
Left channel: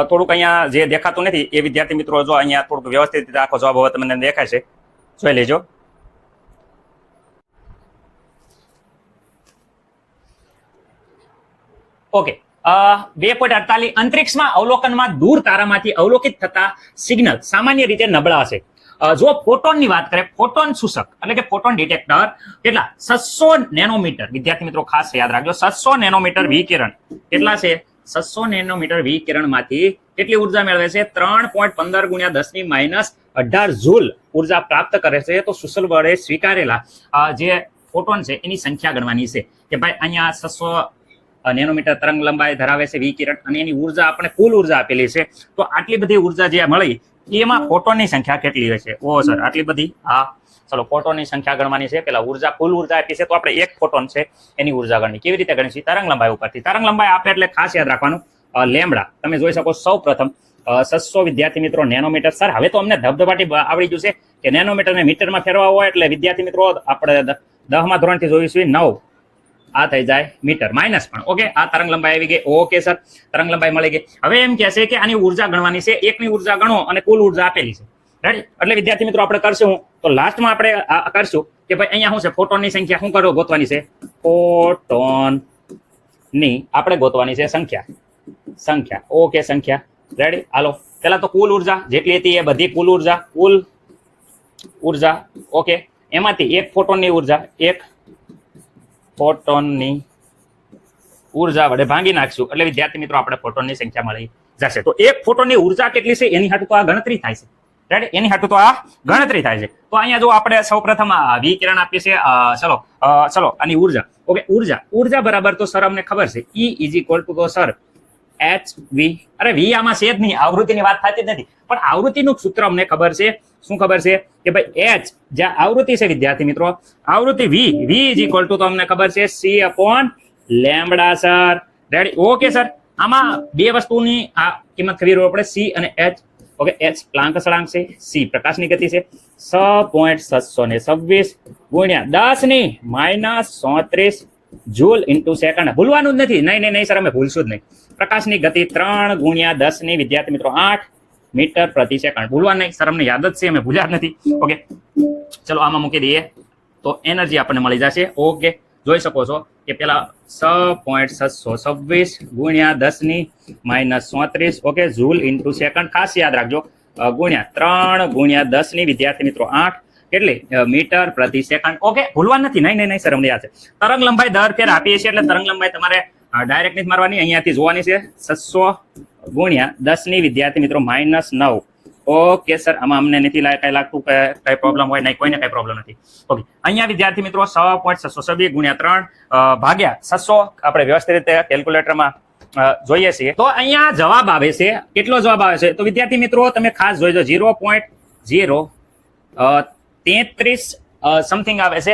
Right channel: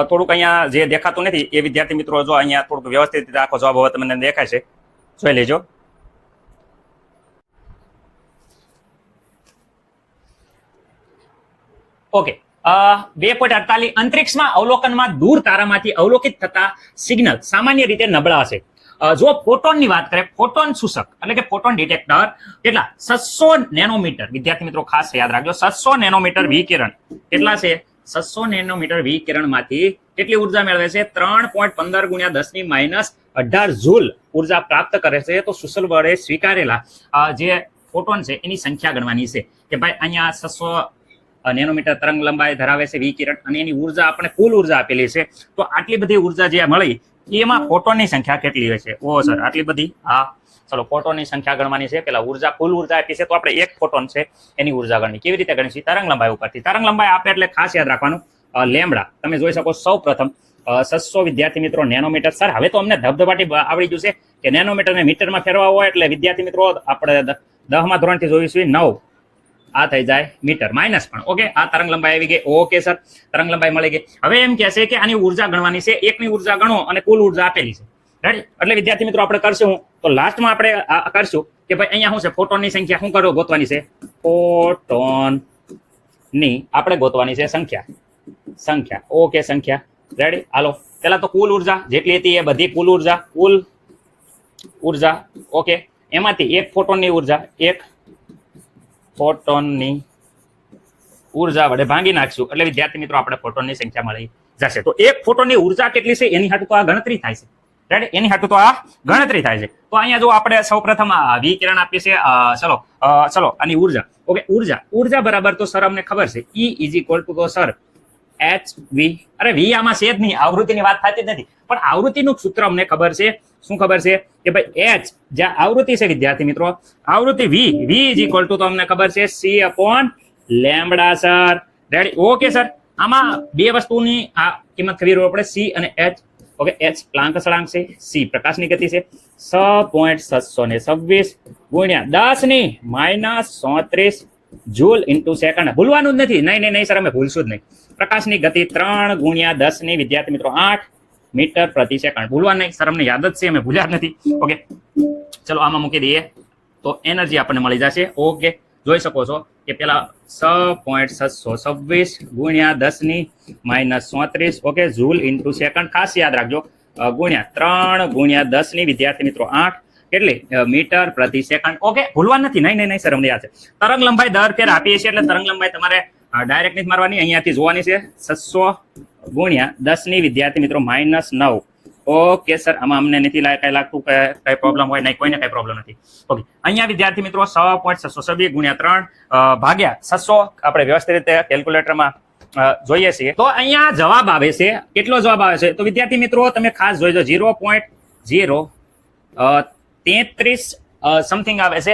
થોડુંક અહીંયા જે દેખાતું નથી એ વિદ્યાર્થી મિત્રો જો અહીંયા થોડુંક વ્યવસ્થિત રીતે આખો જવાબ હવે તમને દેખાય છે, જોઈ લેજો. ઓકે, 2.48 અંતરિક્ષમાં અવલોકનમાં દૂર તારામાંથી અવલોકિત થતા સિગ્નલ સામાન્ય રીતે નબળા છે. જો ફોટોનની વાત કરીએ, ફોટોન શોષક એટલે કે ફોટોન ડિટેક્ટર કેટલા 600 નેનોમીટર વિદ્યાર્થી મિત્રો ખાસ યાદ રાખજો. 600 નેનોમીટર વિકિરણ કેટલા છે? 600 નેનોમીટર વિકિરણમાંથી કેટલી ઉર્જા મેળવે છે? 3.15 ગુણ્યા 10 ની માઇનસ 18 જૂલ ઉર્જા પ્રાપ્ત કરે છે. તો સુશલ વડે સ્વીકારેલા જે ફોટોન છે એની સંખ્યા ગણવાની છે કે ભાઈ અહીંયા 600 નેનોમીટર તરંગ લંબાઈ ધરાવે છે વિકિરણ અને એની ઉર્જા આપણે કુલ ઉર્જા આપેલી છે. તો આટલી બધી ઉર્જા જે મળી એમાં ફોટોનની સંખ્યા કેટલી હશે? ઓ સર, આટલી બધી? હા, ચલો ફોટોનની સંખ્યા ગણવાની છે. પેલા ઉર્જા કુલ ઉર્જા આપી છે, તો આપણે એક ફોટોન છે એની ઉર્જા ગણવી. કેવી રીતે ગણીશું? તરંગ લંબાઈ ઉપરથી. તરંગ લંબાઈ આપે એટલે ખાસ યાદ રાખવાનું લેમડા. તમે જોઈ શકો સૌ પ્રથમ 600 વિદ્યાર્થી મિત્રો નેનોમીટર. સર હવે તો અમને ધબધબાટી આવડી ગયું છે કે નેનોમીટર ને મીટરમાં ફેરવા હોય એટલે વિદ્યાર્થી મિત્રો આપણે 10મા ધોરણથી જોઈશું 9 આ થઈ જાય મીટર માઇનસ પણ. ઓકે, આ તરંગ લંબાઈ આવી ગઈ. ઓકે સર, તરંગ લંબાઈ મળી ગઈ. હવે એમ કહે છે કે આની ઉર્જા ગણવાની છે. એકની ઉર્જા ગણો અને કુલ ઉર્જા આપેલી છે. રાઈટ? એટલે વિદ્યાર્થી મિત્રો આપણે કરશું તો લાસ્ટમાં આપણે કરશું કે ભાઈ અહીંયા શું છે? ફોટોનની સંખ્યા શું કરો ગોતવાની છે? ફોટોનની આપણે ગોતવાની છે સંખ્યા. ઓકે, સંખ્યા. રેડી? હાલો, પેલા તો કુલ ઉર્જા જેટલી હતી એ બધી કુલ ઉર્જા. ઓકે, એમાંથી એક ફોટોનની ઉર્જા વડે ભાંગી નાખશું એટલે વિદ્યાર્થી મિત્રો આપણે ફોટોનની સંખ્યા મળી જશે. તો એક ફોટોનની ઉર્જા કેટલી છે એની હાટુ તો આ ગણતરી થાય છે. રાઈટ? એની હાટુ તો આ ગણતરી થાય છે. તો અહીંયા જો આપણે સૌપ્રથમ વિકિરણ આપીએ છે. ચલો આની ઉર્જા. ઓકે, ઉર્જા બરાબર તો સર અમને ખબર છે E = તો સર HV. અરે V આમાં છે જ નહીં, આવૃત્તિની વાત થતી જ નથી, પણ આવૃત્તિનું સૂત્ર અમને ખબર છે. શું ખબર છે? કે ભાઈ H જ્યાં આવૃત્તિ છે વિદ્યાર્થી મિત્રો, આવૃત્તિ V = તો અમને ખબર છે C/λ sir. Ready? Okay sir, આમાં બે વસ્તુની આ કિંમત ખબર પડે, C અને H. ઓકે, H પ્લાન્ક સળાંક છે, C પ્રકાશની ગતિ છે. 6.626 ગુણ્યા 10 ની માઇનસ 34 જૂલ ઇન્ટુ સેકન્ડ. ભૂલવાનું જ નથી. નહીં સર, અમે ભૂલશું જ નહીં. પ્રકાશની ગતિ 3 ગુણ્યા 10 ની વિદ્યાર્થી મિત્રો 8 મીટર પ્રતિ સેકન્ડ. ભૂલવા નહીં સર, અમને યાદ જ છે, અમે ભૂલ્યા જ નથી. ઓકે, ચલો આમાં મૂકી દઈએ તો એનર્જી આપણને મળી જશે. ઓકે, જોઈ શકો છો કે પેલા 6.626 ગુણ્યા 10 ની minus 34. Okay, joule into second. ખાસ યાદ રાખજો, ગુણ્યા 3 ગુણ્યા 10 ની વિદ્યાર્થી મિત્રો 8 કેટલી મીટર પ્રતિ સેકન્ડ. ઓકે, ભૂલવા નથી. નહીં સર, અમને યાદ છે. તરંગ લંબાઈ દર ફેર આપીએ છીએ એટલે તરંગ લંબાઈ તમારે ડાયરેક્ટ નથી મારવાની, અહીંયાથી જોવાની છે. 600 ગુણ્યા 10 ની વિદ્યાર્થી મિત્રો માઇનસ 9. ઓકે સર, આમાં અમને નથી કઈ લાગતું કે કઈ પ્રોબ્લેમ હોય? નહીં, કોઈને કઈ પ્રોબ્લેમ નથી. ઓકે, અહીંયા વિદ્યાર્થી મિત્રો 6.626 ગુણ્યા 3 ભાગ્યા 600 આપણે વ્યવસ્થિત રીતે કેલ્ક્યુલેટરમાં જોઈએ છીએ. તો અહીંયા જવાબ આવે છે. કેટલો જવાબ આવે છે? તો વિદ્યાર્થી મિત્રો તમે ખાસ જોઈજો 0.033 સમથિંગ આવે છે,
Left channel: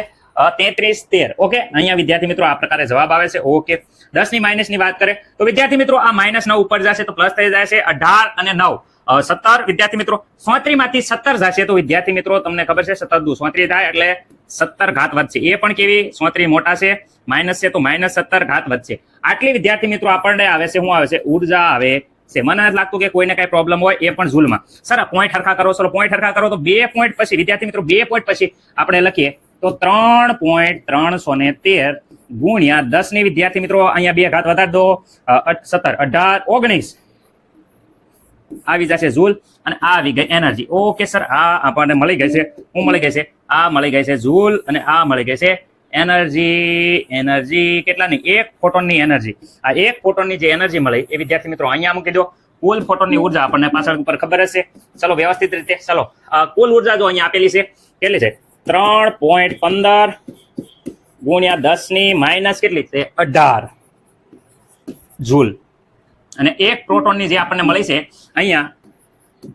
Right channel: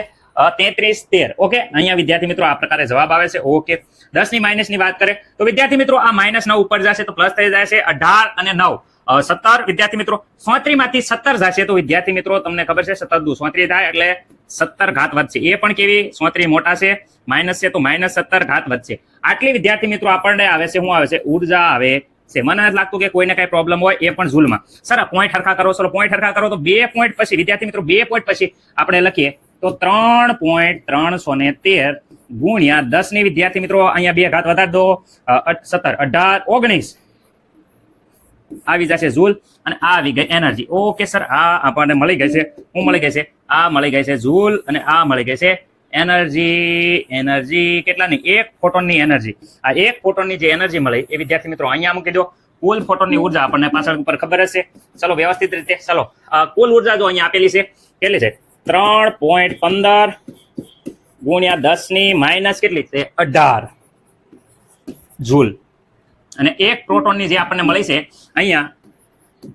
3313. ઓકે, અહીંયા વિદ્યાર્થી મિત્રો આ પ્રકારે જવાબ આવે છે. ઓકે, 10 ની માઇનસ ની વાત કરે તો વિદ્યાર્થી મિત્રો આ -9 ઉપર જશે તો પ્લસ થઈ જાય છે. 18 અને 9 17 વિદ્યાર્થી મિત્રો 34 માંથી 17 જશે તો વિદ્યાર્થી મિત્રો તમને ખબર છે 17 દુ 34 થાય એટલે 17 ઘાત વધશે. એ પણ કેવી? 34 મોટા છે, માઇનસ છે તો -17 ઘાત વધશે. આટલી વિદ્યાર્થી મિત્રો આપણને આવે છે. શું આવે છે? ઉર્જા આવે છે. મને નથી લાગતું કે કોઈને કઈ પ્રોબ્લેમ હોય એ પણ ઝૂલમાં. સર પોઈન્ટ હરખા કરો, ચલો પોઈન્ટ હરખા કરો તો 2 પોઈન્ટ પછી વિદ્યાર્થી મિત્રો 2 પોઈન્ટ પછી આપણે લખીએ તો 3.313 ગુણ્યા 10 ની વિદ્યાર્થી મિત્રો અહીંયા 2 ઘાત વધારી દો 17 18 19 આવી જશે ઝૂલ અને આ આવી ગઈ એનર્જી. ઓકે સર, આ આપણને મળી ગઈ છે. શું મળી ગઈ છે? આ મળી ગઈ છે ઝૂલ અને આ મળી ગઈ છે એનર્જી કેટલાની? 1 ફોટોનની એનર્જી. આ 1 ફોટોનની જે એનર્જી મળી એ વિદ્યાર્થી મિત્રો અહીંયા મૂકી દો. કુલ ફોટોનની ઉર્જા આપણને પાછળ ઉપર ખબર હશે. ચલો વ્યવસ્થિત રીતે ચલો કુલ ઉર્જા જો અહીંયા આપેલી છે કેટલી છે? 3.15 ગુણ્યા 10 ની માઇનસ કેટલી છે? 18 ઝૂલ. અને 1 પ્રોટોનની જે આપણને મળી છે અહીંયા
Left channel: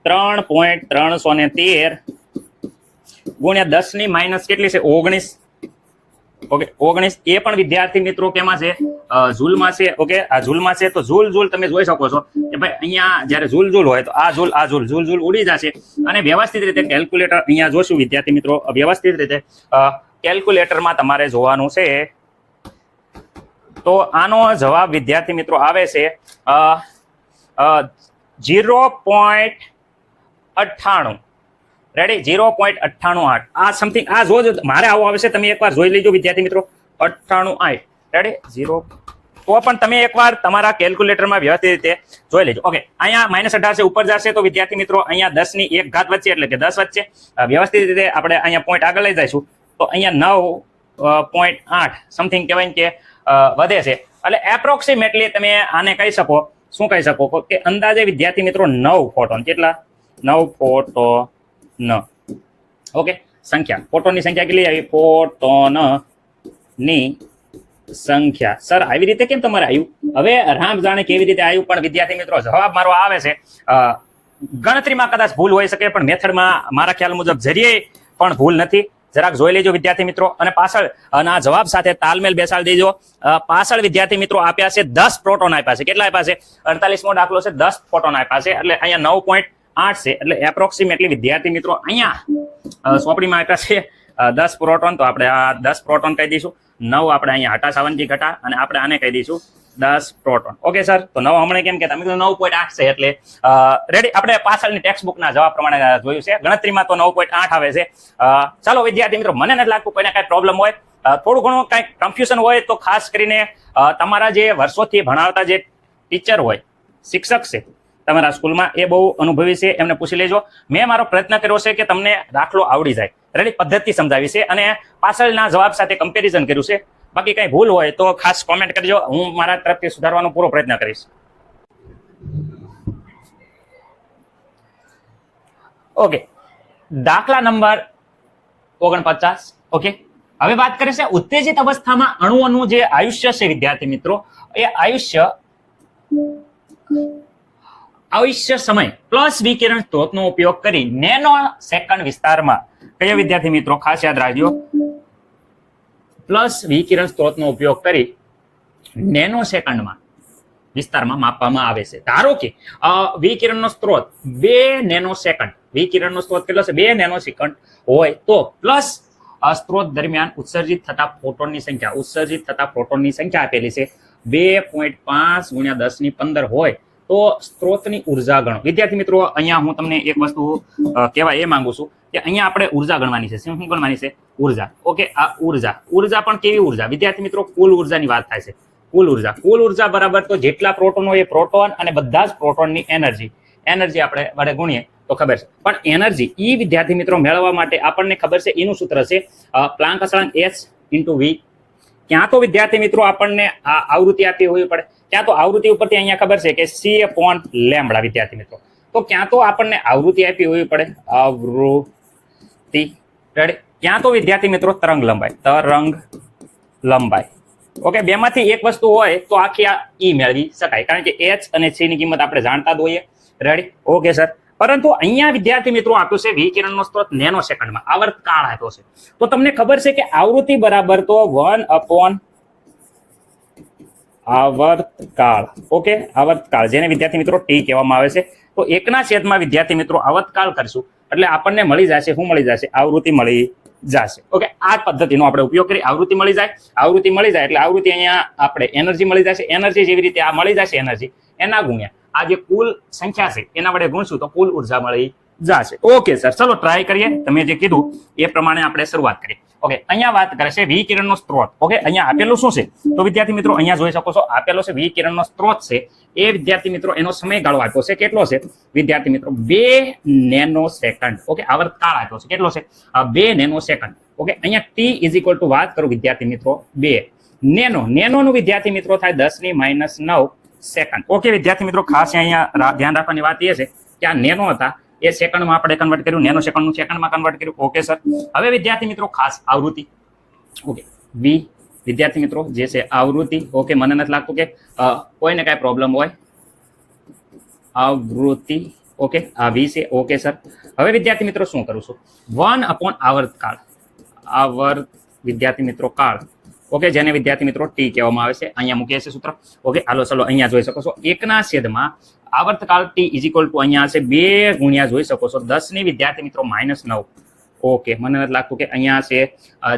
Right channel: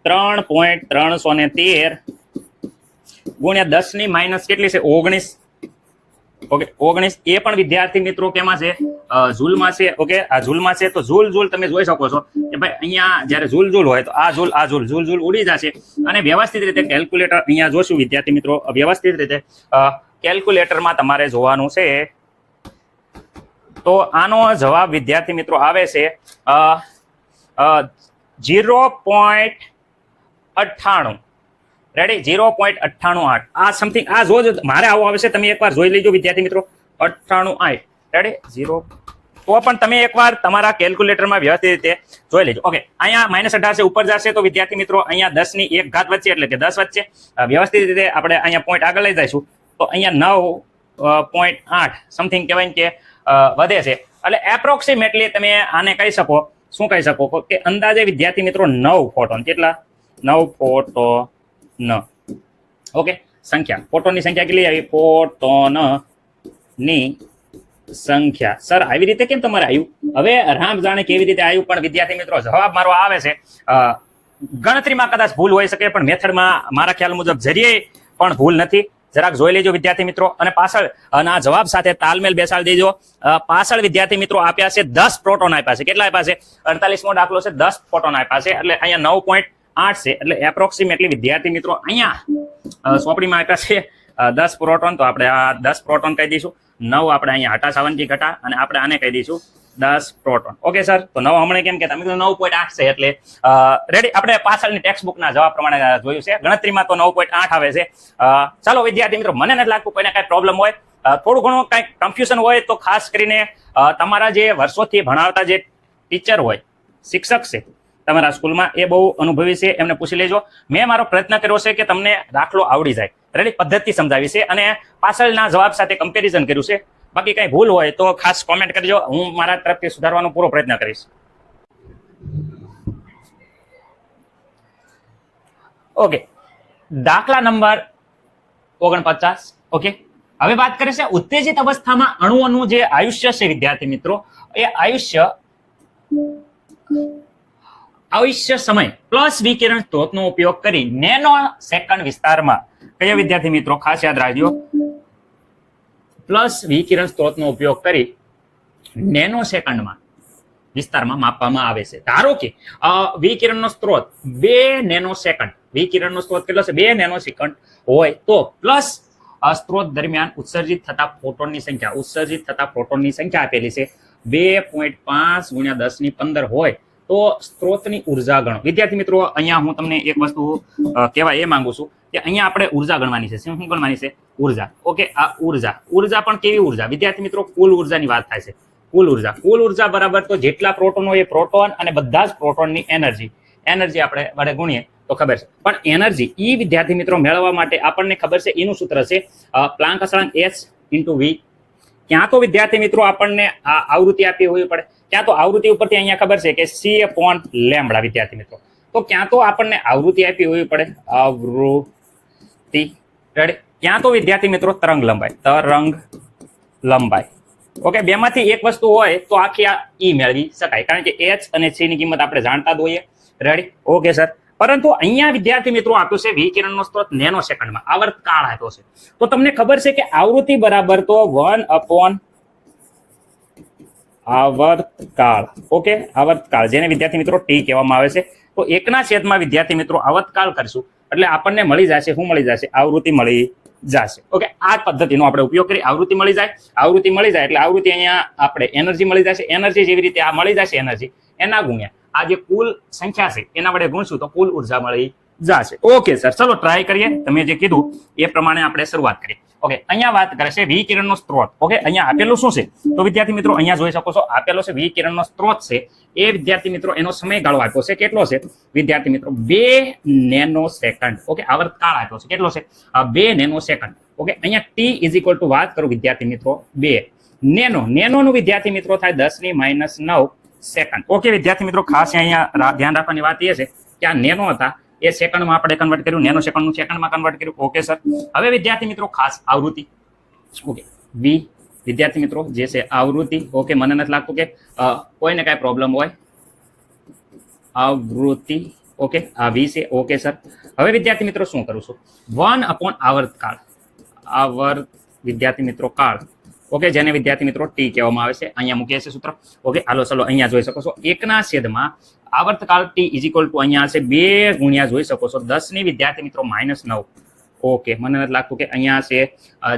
3.313 ગુણ્યા 10 ની માઇનસ કેટલી છે? 19. ઓકે 19 એ પણ વિદ્યાર્થી મિત્રો કેમાં છે? ઝૂલમાં છે. ઓકે આ ઝૂલમાં છે. તો ઝૂલ તમે જોઈ શકો છો કે ભાઈ અહીંયા જ્યારે ઝૂલ હોય તો આ ઝૂલ ઉડી જશે. અને વ્યવસ્થિત રીતે કેલ્ક્યુલેટર અહીંયા જોશું વિદ્યાર્થી મિત્રો, વ્યવસ્થિત રીતે કેલ્ક્યુલેટરમાં તમારે જોવાનું છે. તો આનો જવાબ વિદ્યાર્થી મિત્રો આવે છે 0.98. રેડી? 0.988. આ સમથિંગ આ જો મારે આવો આવે છે, તમે એકવાર જોઈ લેજો વિદ્યાર્થી મિત્રો. 98. રેડી? 0. તો પણ તમે એકવાર તમારા કેલ્ક્યુલેટરમાં વ્યવસ્થિત રીતે જોઈ લેજો. ઓકે અહીંયા -18 છે, ઉપર જશે તો વિદ્યાર્થી મિત્રો અહીંયા 10 ની 1 ઘાત વચ્ચે એટલે કે 10 વચ્ચે વ્યવસ્થિત રીતે આપણે અહીંયા પોઈન્ટ આગળ લઈ જઈશું તો અહીંયા 9.8 સમથિંગ કહેવાય કે વધે છે. એટલે એપ્રોક્સિમેટલી તમે આને કહી શકો, શું કહી શકો કે અંદાજે વિદ્યાર્થી મિત્રો 9 ફોટોન. કેટલા? 9 ફોટોન. ઓકે સંખ્યા, ફોટોનની સંખ્યા કેટલી આવી? ફોટોનની સંખ્યા. સર આવી રીતે કેમ તમારે આવ્યું? હવે રામ જાણે કેવી રીતે આવ્યું, પણ વિદ્યાર્થી મિત્રો જવાબ મારો આવે છે. ગણતરીમાં કદાચ ભૂલ હોઈ શકે પણ મેથડમાં મારા ખ્યાલ મુજબ જરીએ પણ ભૂલ નથી. જરાક જોઈ લેજો વિદ્યાર્થી મિત્રો અને પાછળ આના જવાબ સાથે તાલમેલ બેસાડી દેજો. પાછળ વિદ્યાર્થી મિત્રો આપ્યા છે 10 પ્રોટોન આપ્યા છે. કેટલા આપ્યા છે? 48મો દાખલો છે, 10 પ્રોટોન આપ્યા છે એટલે અહીંયા 9.8 છે. એટલે એપ્રોક્સિમેટલી વિદ્યાર્થી મિત્રો અહીંયા સોપડીમાં આપ્યા છે 10 પ્રોટોન. તો આપણે આ 10 પ્રોટોન કહી દઈશું. 9 આપણે અહીંયા હટા સાવનજી ઘટા અને આપણે આને કહી દઈશું 10 પ્રોટોન. ઓકે સર, તો 9 હમણાં કેમ કે તમે 9.8 છે એટલે રેડી. આપણે પાછળની ટેક્સ્ટ બુકના જવાબ પ્રમાણે જોયું છે. ગણતરીમાં તો 9.8 આવે છે. ચાલો વિદ્યાર્થી મિત્રો, મને નથી લાગતું કોઈને કાંઈ પ્રોબ્લેમ હોય. થોડું ઘણું કાંઈક કન્ફ્યુઝન હોય તો ખાસ કરીને તમારા જે વર્ષોથી ભણાવતા જે ટીચર હોય, શિક્ષક છે તમારા સ્કૂલમાં, એ બહુ અનુભવી છે, એમને પૂછી લેજો. મેં મારો પ્રયત્ન કર્યો છે કે તમને દાખલો આવડી જાય, રેડી પદ્ધતિ સમજાવી છે અને પાછળના જવાબ સાથે કમ્પેરિઝન કર્યું છે. બાકી કઈ ભૂલ હોય તો ખાસ કોમેન્ટ કરજો, હું મારા તરફથી સુધારવાનો પૂરો પ્રયત્ન કરીશ. ઓકે દાખલા નંબર 49. ઓકે હવે વાત કરીએ છે ઉત્તેજિત અવસ્થામાં અણુઓનું જે આયુષ્ય છે વિદ્યાર્થી મિત્રો, એ આયુષ્ય સમય પ્લસ વિકિરણ સ્ત્રોતનો ઉપયોગ કરી નેનો સેકન્ડ વિસ્તારમાં, કયા વિદ્યાર્થી મિત્રો ખાસ યાદ રાખજો, પ્લસ વિકિરણ સ્ત્રોતનો ઉપયોગ કરી નેનો સેકન્ડમાં વિસ્તારમાં માપવામાં આવે છે. ધારો કે વિકિરણનો સ્ત્રોત 2 નેનો સેકન્ડ, વિકિરણનો સ્ત્રોત કેટલો છે? 2 નેનો સેકન્ડ હોય તો પ્લસ સ્ત્રોત દરમિયાન ઉત્સર્જિત થતા ફોટોનની સંખ્યા આપેલી છે 2.5 ગુણ્યા 10 ની 15 હોય તો સ્ત્રોતની ઉર્જા ગણો. વિદ્યાર્થી મિત્રો અહીંયા હું તમને એક વસ્તુ કહેવા એ માંગુ છું કે અહીંયા આપણે ઉર્જા ગણવાની છે. શું ગણવાની છે? ઉર્જા. ઓકે આ ઉર્જા પણ કેવી ઉર્જા વિદ્યાર્થી મિત્રો? કુલ ઉર્જાની વાત થાય છે. કુલ ઉર્જા બરાબર તો જેટલા પ્રોટોન હોય એ પ્રોટોન અને બધા જ પ્રોટોનની એનર્જી આપણે વડે ગુણીએ તો ખબર છે. પણ એનર્જી ઈ વિદ્યાર્થી મિત્રો મેળવવા માટે આપણને ખબર છે એનું સૂત્ર છે પ્લાન્ક અચળાંક H × V. ક્યાં તો વિદ્યાર્થી મિત્રો આપણને આ આવૃત્તિ આપી હોવી પડે, ક્યાં તો આવૃત્તિ ઉપરથી અહીંયા ખબર છે કે C/λ વિદ્યાર્થી મિત્રો. તો ક્યાં તો આપણને આવૃત્તિ આપી હોવી પડે, આવૃત્તિ રેડી. ક્યાં તો વિદ્યાર્થી મિત્રો તરંગ લંબાઈ. ઓકે બેમાંથી એક વસ્તુ હોય તો આખી આ ઈ મેળવી શકાય, કારણ કે H અને C ની કિંમત આપણે જાણતા જ હોઈએ. રેડી? Okay sir. પરંતુ અહીંયા વિદ્યાર્થી મિત્રો આપ્યું છે વિકિરણનો સ્ત્રોત નેનો સેકન્ડમાં, આવર્તકાળ આપ્યો છે. તો તમને ખબર છે કે આવૃત્તિ બરાબર તો 1/, આવર્તકાળ. ઓકે આવર્તકાળ જેને વિદ્યાર્થી મિત્રો T કહેવામાં આવે છે. તો 1/, વિદ્યાર્થી મિત્રો આવર્તકાળ કરશું એટલે આપણને મળી જશે, શું મળી જશે? આવૃત્તિ મળી જશે. ઓકે આ પદ્ધતિનો આપણે ઉપયોગ કરી આવૃત્તિ મળી જાય એટલે આવૃત્તિ અહીંયા આપણે એનર્જી મળી જશે. એનર્જી જેવી રીતે આ મળી જશે એનર્જી, એના ગુણ્યા આ જે કુલ સંખ્યા છે એના વડે ગુણશું તો કુલ ઉર્જા મળી જશે. ઓકે સર, ચલો ટ્રાય કરીએ. તમે જે કીધું એ પ્રમાણે આપણે શરૂઆત કરીએ. ઓકે, અહીંયા વાત કરે છે વિકિરણનો સ્ત્રોત. ઓકે, અહીંયા આપેલું શું છે? તો વિદ્યાર્થી મિત્રો અહીંયા જોઈ શકો છો આપેલો છે વિકિરણનો સ્ત્રોત છે. એ વિદ્યાર્થી મિત્રો એનો સમયગાળો આપ્યો છે. કેટલો છે વિદ્યાર્થી મિત્રો? 2 નેનોસેકન્ડ. ઓકે, આવર્તકાળ આપ્યો છે. કેટલો છે? 2 નેનોસેકન્ડ. ઓકે, અહીંયા t ઇઝ ઇક્વલ ટુ વાત કરું વિદ્યાર્થી મિત્રો 2 નેનોનું વિદ્યાર્થી મિત્રો થાય 10⁻⁹ સેકન્ડ. ઓકે વિદ્યાર્થી મિત્રો, ખાસ અહીંયા ધ્યાન રાખવાની વાત એ છે કે આ નેનો હતા એ સેકન્ડમાં આપણે કન્વર્ટ કર્યું, નેનો સેકન્ડનું સેકન્ડમાં કન્વર્ટ કર્યું. ઓકે સર, હવે વિદ્યાર્થી મિત્રો ખાસ આવૃત્તિ. ઓકે, વી વિદ્યાર્થી મિત્રો જે છે આવૃત્તિ. ઓકે, મને નથી લાગતું કે કોઈને કાંઈ પ્રોબ્લેમ હોય. આવૃત્તિ. ઓકે, આ વી છે. ઓકે સર, હવે વિદ્યાર્થી મિત્રો શું કરું છું? 1 આવર્તકાળ. વિદ્યાર્થી મિત્રો કાળ. ઓકે, જેને વિદ્યાર્થી મિત્રો ટી કહેવામાં આવે છે. અહીંયા મૂકીએ છે સૂત્ર. ઓકે, હાલો ચલો અહીંયા જોઈ શકો છો 1/, આવર્તકાળ ટી ઇઝ ઇક્વલ ટુ અહીંયા હશે 2 ગુણ્યા જોઈ શકો છો 10 વિદ્યાર્થી મિત્રો -9. ઓકે, મને નથી લાગતું કે અહીંયા છે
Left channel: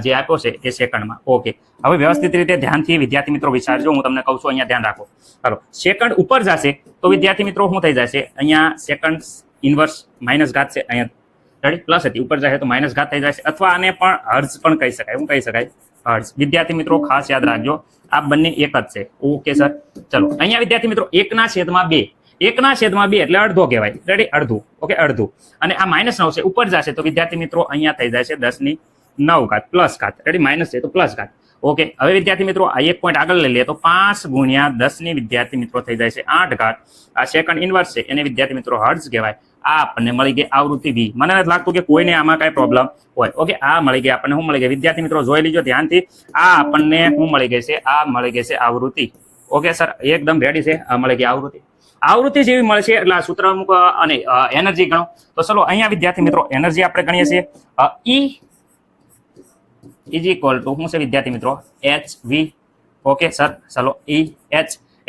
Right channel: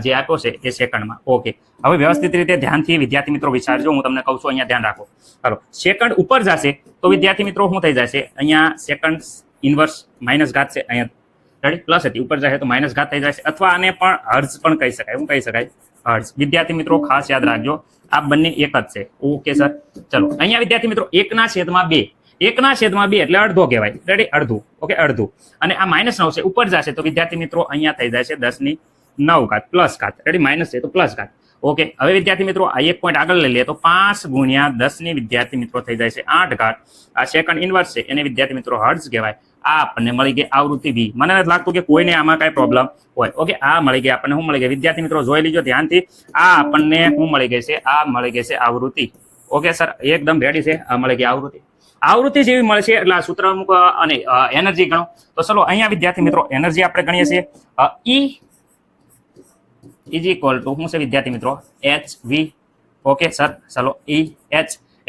જે આપ્યો છે એ સેકન્ડમાં. ઓકે, હવે વ્યવસ્થિત રીતે ધ્યાનથી વિદ્યાર્થી મિત્રો વિચારજો. હું તમને કહું છું, અહીંયા ધ્યાન રાખો. ચાલો, સેકન્ડ ઉપર જશે તો વિદ્યાર્થી મિત્રો શું થઈ જશે? અહીંયા સેકન્ડ ઇન્વર્સ માઇનસ ઘાત છે, અહીંયા રેડી પ્લસ હતી, ઉપર જાય તો માઇનસ ઘાત થઈ જશે. અથવા આને પણ હર્ટ્ઝ પણ કહી શકાય. શું કહી શકાય? હર્ટ્ઝ. વિદ્યાર્થી મિત્રો ખાસ યાદ રાખજો, આ બંને એક જ છે. ઓકે સર, ચલો અહીંયા વિદ્યાર્થી મિત્રો 1/2. 1/2 એટલે અડધો કહેવાય. રેડી, અડધું. ઓકે, અડધું. અને આ -9 છે, ઉપર જશે તો વિદ્યાર્થી મિત્રો અહીંયા થઈ જશે 10⁹ પ્લસ ઘાત. રેડી, માઇનસ છે તો પ્લસ ઘાત. ઓકે, હવે વિદ્યાર્થી મિત્રો આ એક પોઈન્ટ આગળ લઈ લઈએ તો 5 ગુણ્યા 10 વિદ્યાર્થી મિત્રો થઈ જાય છે 8 ઘાત. આ સેકન્ડ ઇન્વર્સ છે એને વિદ્યાર્થી મિત્રો હર્ટ્ઝ કહેવાય. આ આપણને મળી ગઈ આવૃત્તિ વી. મને નથી લાગતું કે કોઈને આમાં કઈ પ્રોબ્લેમ હોય. ઓકે, આ મળી ગઈ આપણને. શું મળી ગઈ વિદ્યાર્થી મિત્રો? જોઈ લીજો ધ્યાનથી. આ આપણને શું મળી ગઈ છે? આ મળી ગઈ છે આવૃત્તિ. ઓકે સર, એકદમ રેડી છે. આ મળી ગઈ આવૃત્તિ. આવૃત્તિ જેવી મળશે એટલે આ સૂત્ર અમુક અને એનર્જી ગણો. તો ચલો અહીંયા વિદ્યાર્થી મિત્રો એનર્જી આપણે ગણીએ છીએ E ઇઝ ઇક્વલ ટુ શું છે વિદ્યાર્થી મિત્રો? hv. ઓકે સર, ચલો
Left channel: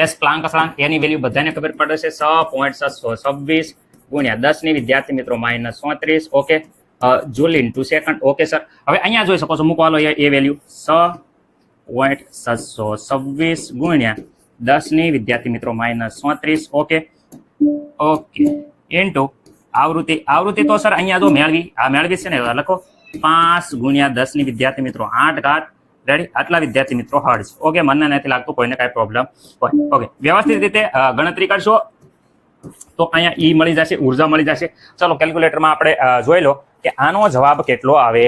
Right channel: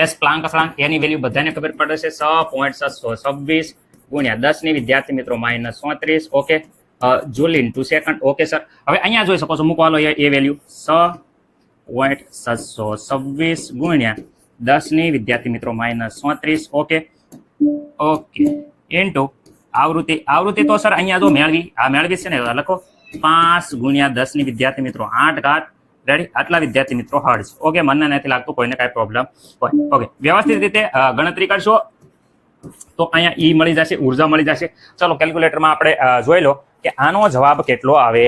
S પ્લાન્ક અસળાંક એની વેલ્યુ બધાને ખબર પડે છે 6.626 ગુણ્યા 10 વિદ્યાર્થી મિત્રો -34. Okay, joule into second. Okay sir, હવે અહીંયા જોઈ શકો છો મૂકવાનો એ વેલ્યુ 6.626 ગુણ્યા 10 વિદ્યાર્થી મિત્રો -34. ઓકે, ઇન્ટુ આવૃત્તિ તો સર અહીંયા જો મેળવી છે ને, લખો 5 ગુણ્યા 10 વિદ્યાર્થી મિત્રો 8 ઘાત. રેડી, આટલા વિદ્યાર્થી મિત્રો હર્ટ્ઝ. ઓકે, મને નથી લાગતું કોઈને કાંઈ પ્રોબ્લેમ હોય. ઓકે, વ્યવસ્થિત રીતે ગણતરી કરશો તો અહીંયા ઈ મળી જશે, ઉર્જા મળી જશે. ચાલો કેલ્ક્યુલેટરમાં આપણે જોઈ લો કે આનો જવાબ કેટલો આવે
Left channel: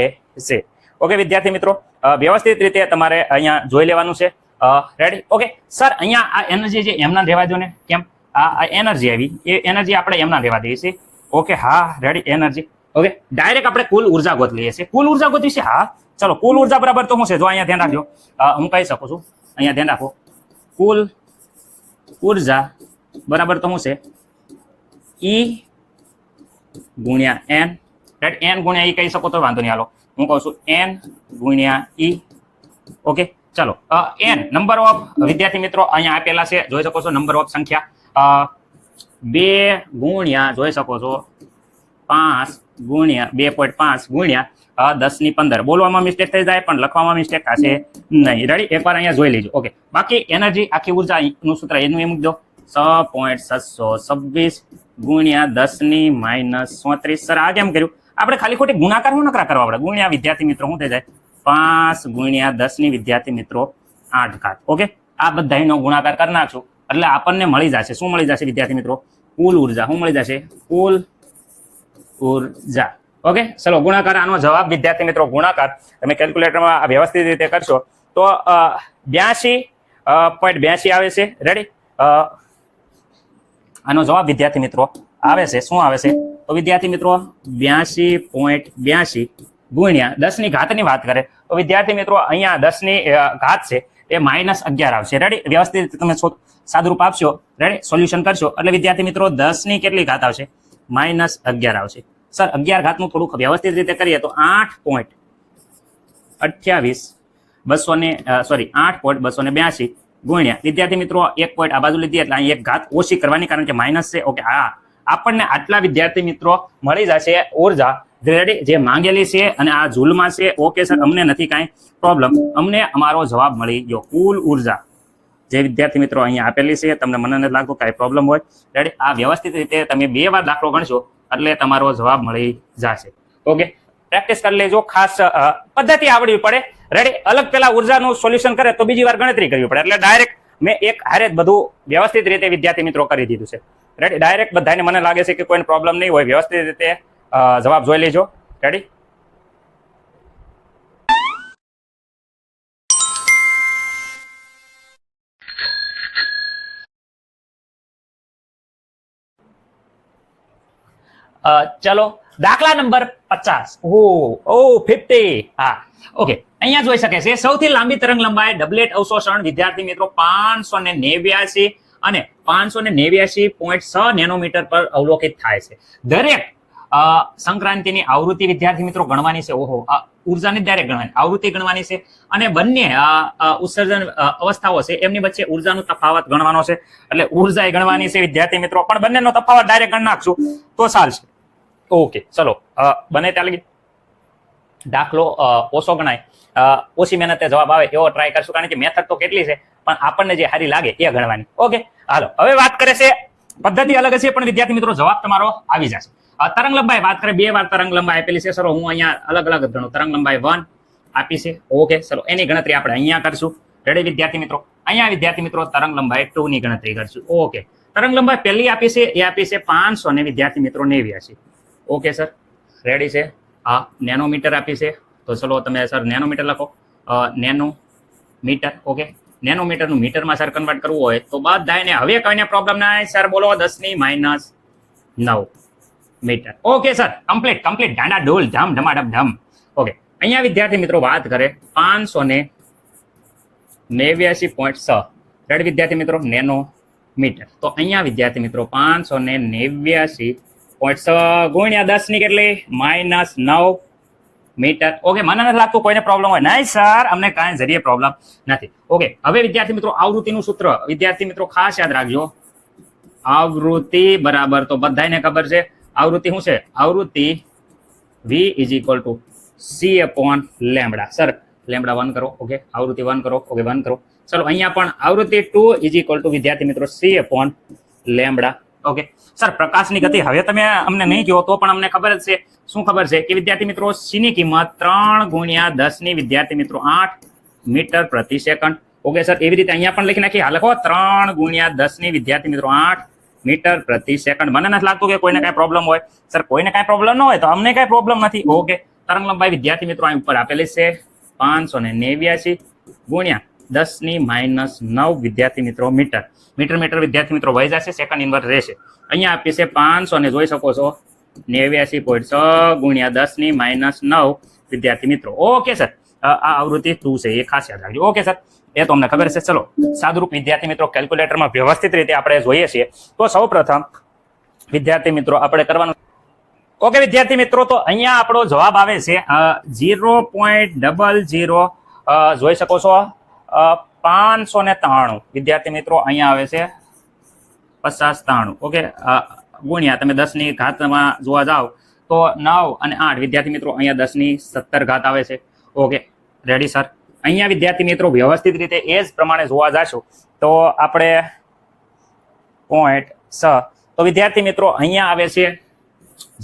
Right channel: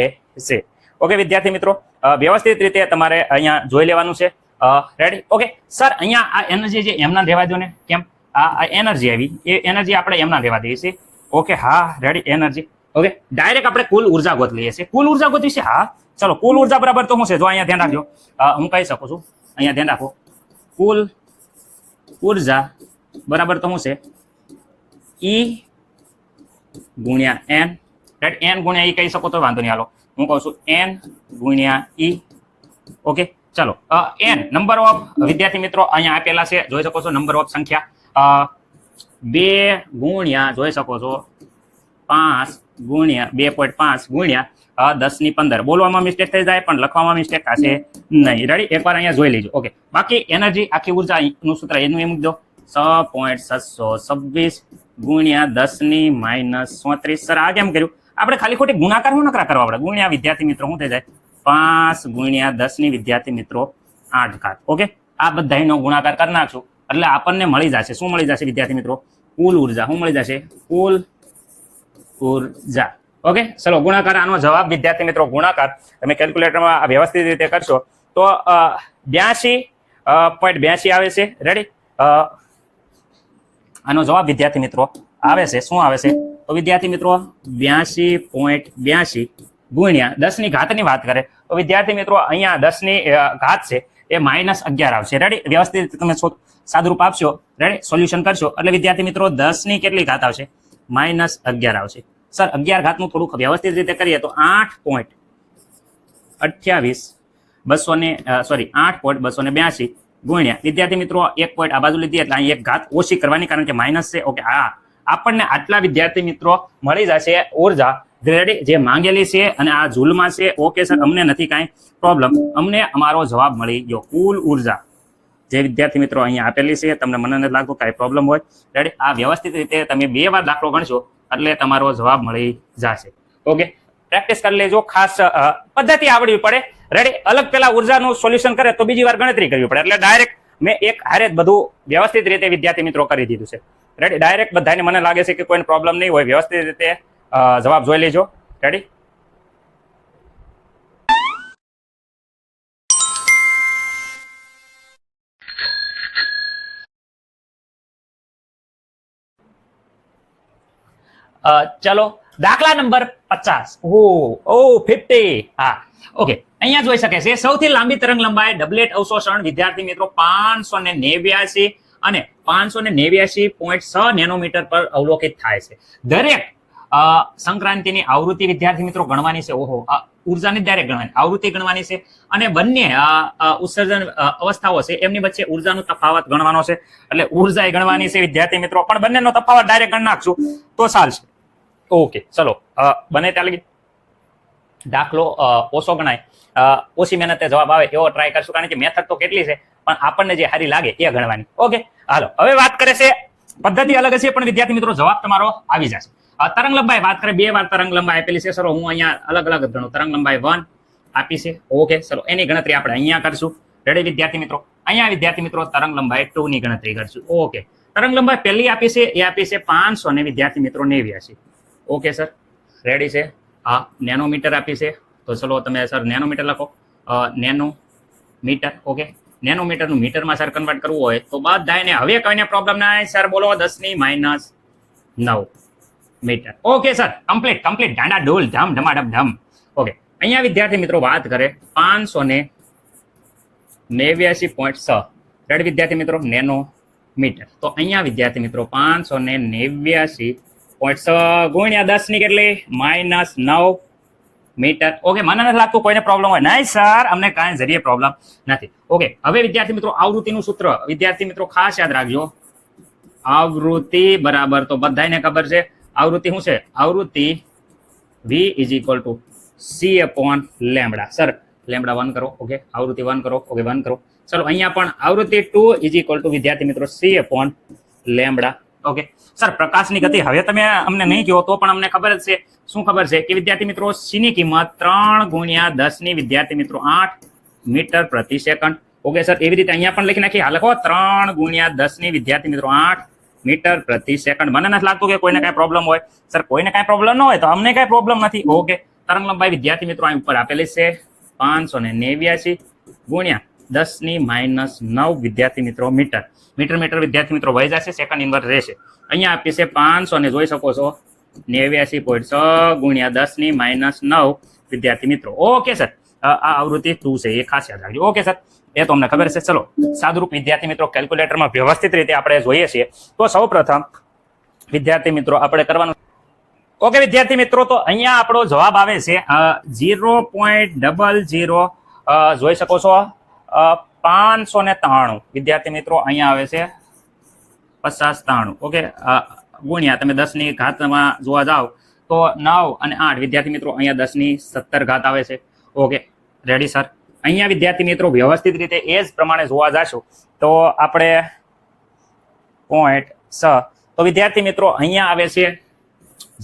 છે. ઓકે વિદ્યાર્થી મિત્રો, વ્યવસ્થિત રીતે તમારે અહીંયા જોઈ લેવાનું છે. રેડી. ઓકે સર, અહીંયા આ એનર્જી જે એમના રહેવા દો ને, કેમ? આ એનર્જી આવી, એ એનર્જી આપણે એમના રહેવા દઈએ છીએ. ઓકે, હા રેડી, એનર્જી. ઓકે, ડાયરેક્ટ આપણે કુલ ઉર્જા ગોત લઈએ છીએ. કુલ ઉર્જા ગોતવી છે. હા ચલો, કુલ ઉર્જા બરાબર તો શું છે? જો અહીંયા ધ્યાન રાખજો, હું કહી શકું છું. અહીંયા ધ્યાન રાખો, કુલ ઉર્જા બરાબર તો શું છે? E ગુણ્યા n. રાઈટ, n ગુણ્યા E કહી શકો તો વાંધો નહીં. હાલો હું કહું છું n ગુણ્યા E. ઓકે, ચલો n નંબર ઓફ વિદ્યાર્થી મિત્રો અહીંયા આપેલા છે, જોઈ શકો છો નંબર ઓફ સંખ્યા 2 ગુણ્યા જોઈ શકો છો 5 ગુણ્યા 2.5 ગુણ્યા 10⁻15. બોલવામાં મિસ્ટેક થઈ જાય પણ લખવામાં મિસ્ટેક થશે નહીં. રેડી, એકવાર અહીંયા જોઈ લેજો. ઓકે, બાકી એનર્જી આખી ઉર્જાનું સૂત્ર એનું એમ મૂકી દો 6.626 ગુણ્યા 10⁻34. સર આ કેમ કર્યું? આપણે ખાલી ખોટી ગુણાકાર શું નકરા કરવા આપણે? ગુણ્યા વિદ્યાર્થી મિત્રો શું થઈ જાય? 5 ગુણ્યા 10 વિદ્યાર્થી મિત્રો 8 ઘાત. ઓકે, આ બધાનો ગુણાકાર કરી નાખશું એટલે આપણને મળી જશે. શું મળી જશે વિદ્યાર્થી મિત્રો? કુલ ઉર્જા. શું મળી જશે? કુલ ઉર્જા. ઓકે, ચલો ગુણાકાર. આનો જવાબ વિદ્યાર્થી મિત્રો ગુણાકાર તમે કેલ્ક્યુલેટરમાં વ્યવસ્થિત રીતે કરશો તો 82.82 આવે છે. રેડી, આનો જવાબ વિદ્યાર્થી મિત્રો આવે છે. શું આવે છે? તો વિદ્યાર્થી મિત્રો 82.82 ગુણ્યા 10 ની ઘાતની વાત કરે તો વિદ્યાર્થી મિત્રો અહીંયા 10 ની ઘાત છે એ -11 આવશે. રેડી, વ્યવસ્થિત તમે સાદુરૂપ આપશો, રેડી, સોલ્યુશન કરશો એટલે વિદ્યાર્થી મિત્રો 10 ની કેટલી ઘાત આવશે? -11 આવશે. સર 11 ઘાતનું થોડુંક વ્યવસ્થિત રીતે કરીએ તો 8.282 ગુણ્યા વિદ્યાર્થી મિત્રો 1 પોઈન્ટ આ બાજુ લીધી એટલે અહીં એક ઘાત ઓછી કરવાની, કારણ કે માઇનસ છે. ઓકે, હા, આપણને આટલા વિદ્યાર્થી મિત્રો મળી જશે ઉર્જા. રેડી, જે માંગેલી છે અને આ જૂલમાં છે. ઓકે સર, અમને નથી કાંઈ પ્રોબ્લેમ, અમને અમારો જવાબ મળી ગયો. કુલ ઉર્જા જે વિદ્યાર્થી મિત્રો અહીંયા આપેલી છે તમને મને નથી લાગતું કાંઈ પ્રોબ્લેમ હોય. રેડી, આ વ્યવસ્થિત રીતે તમે 2 વાર દાખલો ગણશો એટલે તમારો જવાબ મળી જશે. ઓકે, પ્રેક્ટિસ કરી લેજો. ખાસ પદ્ધતિ આવડવી પડે. રેડી, અલગ પેલા ઉર્જાનું સોલ્યુશન કરે તો બીજી વાર ગણતરી કરવી પડે. એટલે ડાયરેક્ટ મેં એક હારે જ બધું વ્યવસ્થિત રીતે વિદ્યાર્થી મિત્રો કરી દીધું છે. રેડી, ડાયરેક્ટ બધાને મને લાગે છે કે કોઈને પ્રોબ્લેમ નહીં હોય. વ્યવસ્થિત રીતે જવાબ જોઈ લેજો. રેડી, ચલો દાખલા નંબર 50. ઓ 50. હા, ઓકે. અહીંયા જોઈ શકે છે સૌથી લાંબી તરંગ લંબાઈ ડબલેટ અવશોષણ વિદ્યાર્થી મિત્રો 589 અને 589.6 નેનોમીટર પર અવલોકિત થાય છે. દરેક સંક્રાંતિની આવૃત્તિ વિદ્યાર્થી મિત્રો ગણવાની છે. ઓહો, ઉર્જાની ડાયરેક્ટ ગણવાની, આવૃત્તિ ગણવાની છે અને બંને ઉત્સર્જન અવસ્થાઓ છે એમની વચ્ચે ઉર્જાનો તફાવત ગણવાનો છે. એટલે ઉર્જા એ ગણવાની છે વિદ્યાર્થી મિત્રો, પણ બંનેનો તફાવત ડાયરેક્ટ ગણ નાખશું તો ચાલશે. ઓકે, ચલો બને ત્યાં લગી દાખલો ઓછો ગણાય, ઓછી મહેનતે જવાબ આવે એવો ટ્રાય કરશું, કારણ કે મેથડ તો કેટલી છે પણ આપણને જે સારી લાગે એ ગણવાની. ઓકે, હાલો હવે વાત કરે છે, પદ્ધતિ અલગ છે પણ વિદ્યાર્થી મિત્રો જવાબ તમારો આવી જશે. તરંગ લંબાઈ વાત કરે, 2 વાર તરંગ લંબાઈ આપેલી છે. ચલો હું અહીંયા અલગ અલગ ગણું. તરંગ લંબાઈ 1 આપી છે. ઓકે, ચલો એની ગણતરી આપણે અહીંયા કરશું. રેડી વિદ્યાર્થી મિત્રો, અહીંયા વિદ્યાર્થી મિત્રો તરંગ લંબાઈ 2 ની ગણતરી કરશું. ઓકે, તરંગ લંબાઈ પહેલી આપી છે એ આપી છે 500 ને વિદ્યાર્થી મિત્રો 89. ઓકે સર, રેડી છે. હા, નેનોમીટર આપી છે તો ચલો તમે સર નેનોમીટર લખો. નેનોમીટર. ઓકે, નેનોમીટરનું મીટરમાં સર કન્વર્ટ કરવું હોય તો બધાને હવે કોઈને પ્રોબ્લેમ ના સર બોલો 10⁻9 મીટર. ઓકે સર, કમ્પ્લીટ ઢાંડા ઢોલ ધમ ધમાડમ ધમ. ઓકે, અહીંયા વિદ્યાર્થી મિત્રો વાત કરે 589.6. રેડી વિદ્યાર્થી મિત્રો, નેનોમીટર. તો અહીંયા વિદ્યાર્થી મિત્રો 589.6 ગુણ્યા 10 ની કેટલી -9 મીટર. ઓકે, મને નથી લાગતું કોઈને પ્રોબ્લેમ હોય. નહીં સર, અમને કાંઈ જરીએ પ્રોબ્લેમ નથી. ઓકે, હવે વિદ્યાર્થી મિત્રો આવૃત્તિનું સૂત્ર વિદ્યાર્થી મિત્રો ખાસ યાદ રાખજો. આવૃત્તિ બરાબર તો બધાને ખબર છે. આવૃત્તિ શું છે? આવૃત્તિ V = C/λ. સર લેમ્બડા 1 કરો. ઓકે, આવૃત્તિ 1 કરો. ઓકે, 1 કરો. ચલો અહીંયા પણ આવૃત્તિ 2 = વિદ્યાર્થી મિત્રો C/λ. ઓકે સર, પ્રકાશની ગતિ હવે તમે અમને નહીં કહો તો પણ અમને ખબર જ છે. શું ખબર છે કે વિદ્યાર્થી મિત્રો C ની કિંમત 3 × 10 ની વિદ્યાર્થી મિત્રો 8 મીટર પ્રતિ સેકન્ડ. ઓકે સર, એવી રીતે અહીંયા પણ લખી નાખી. હા, લખો 3 × 10 ની વિદ્યાર્થી મિત્રો 8 મીટર પ્રતિ સેકન્ડ. મને નથી લાગતું કે કોઈને કાંઈ પ્રોબ્લેમ હોય. સર કોઈને કાંઈ પ્રોબ્લેમ ન હોય તો અમને કાંઈ પ્રોબ્લેમ નથી. ઓકે, તરંગ લંબાઈ વિદ્યાર્થી મિત્રો અહીં ઉપર આપેલી છે 589 ગુણ્યા 10⁻9 વિદ્યાર્થી મિત્રો મીટર. મીટર વિદ્યાર્થી મિત્રો વહી જશે, સેકન્ડ ઇન્વર્સ રહેશે. અહીંયા આપી છે 500 ને જોઈ શકો છો 89.6 ગુણ્યા 10⁻9 વિદ્યાર્થી મિત્રો. ઓકે સર, આ આવૃત્તિ 2 છે એ ખાસ યાદ રાખજો. ઓકે સર, એ તો અમને ખબર છે. ચલો સાદુરૂપ વિદ્યાર્થી મિત્રો કેલ્ક્યુલેટરમાં વ્યવસ્થિત રીતે આપણે જોઈએ છીએ. તો સૌ પ્રથમ વિદ્યાર્થી મિત્રો આપણે કરવાનું. ઓકે વિદ્યાર્થી મિત્રો, તો અહીંયા આપણો જવાબ આવે છે 0.00 જોઈ શકો છો 593 વિદ્યાર્થી મિત્રો અહીંયા આવે છે 5093. ઓકે, ગુણ્યા તમે 10 ની ઘાતમાં જોવા જાવ તો 9 અને 8 વિદ્યાર્થી મિત્રો અહીંયા 10 ની 17 ઘાત આવે છે. Okay, ready sir. અહીંયા વિદ્યાર્થી મિત્રો વ્યવસ્થિત રીતે એ જ પ્રમાણે જોવા જશો તો આપણે 0.6 તો વિદ્યાર્થી મિત્રો અહીંયા આવે છે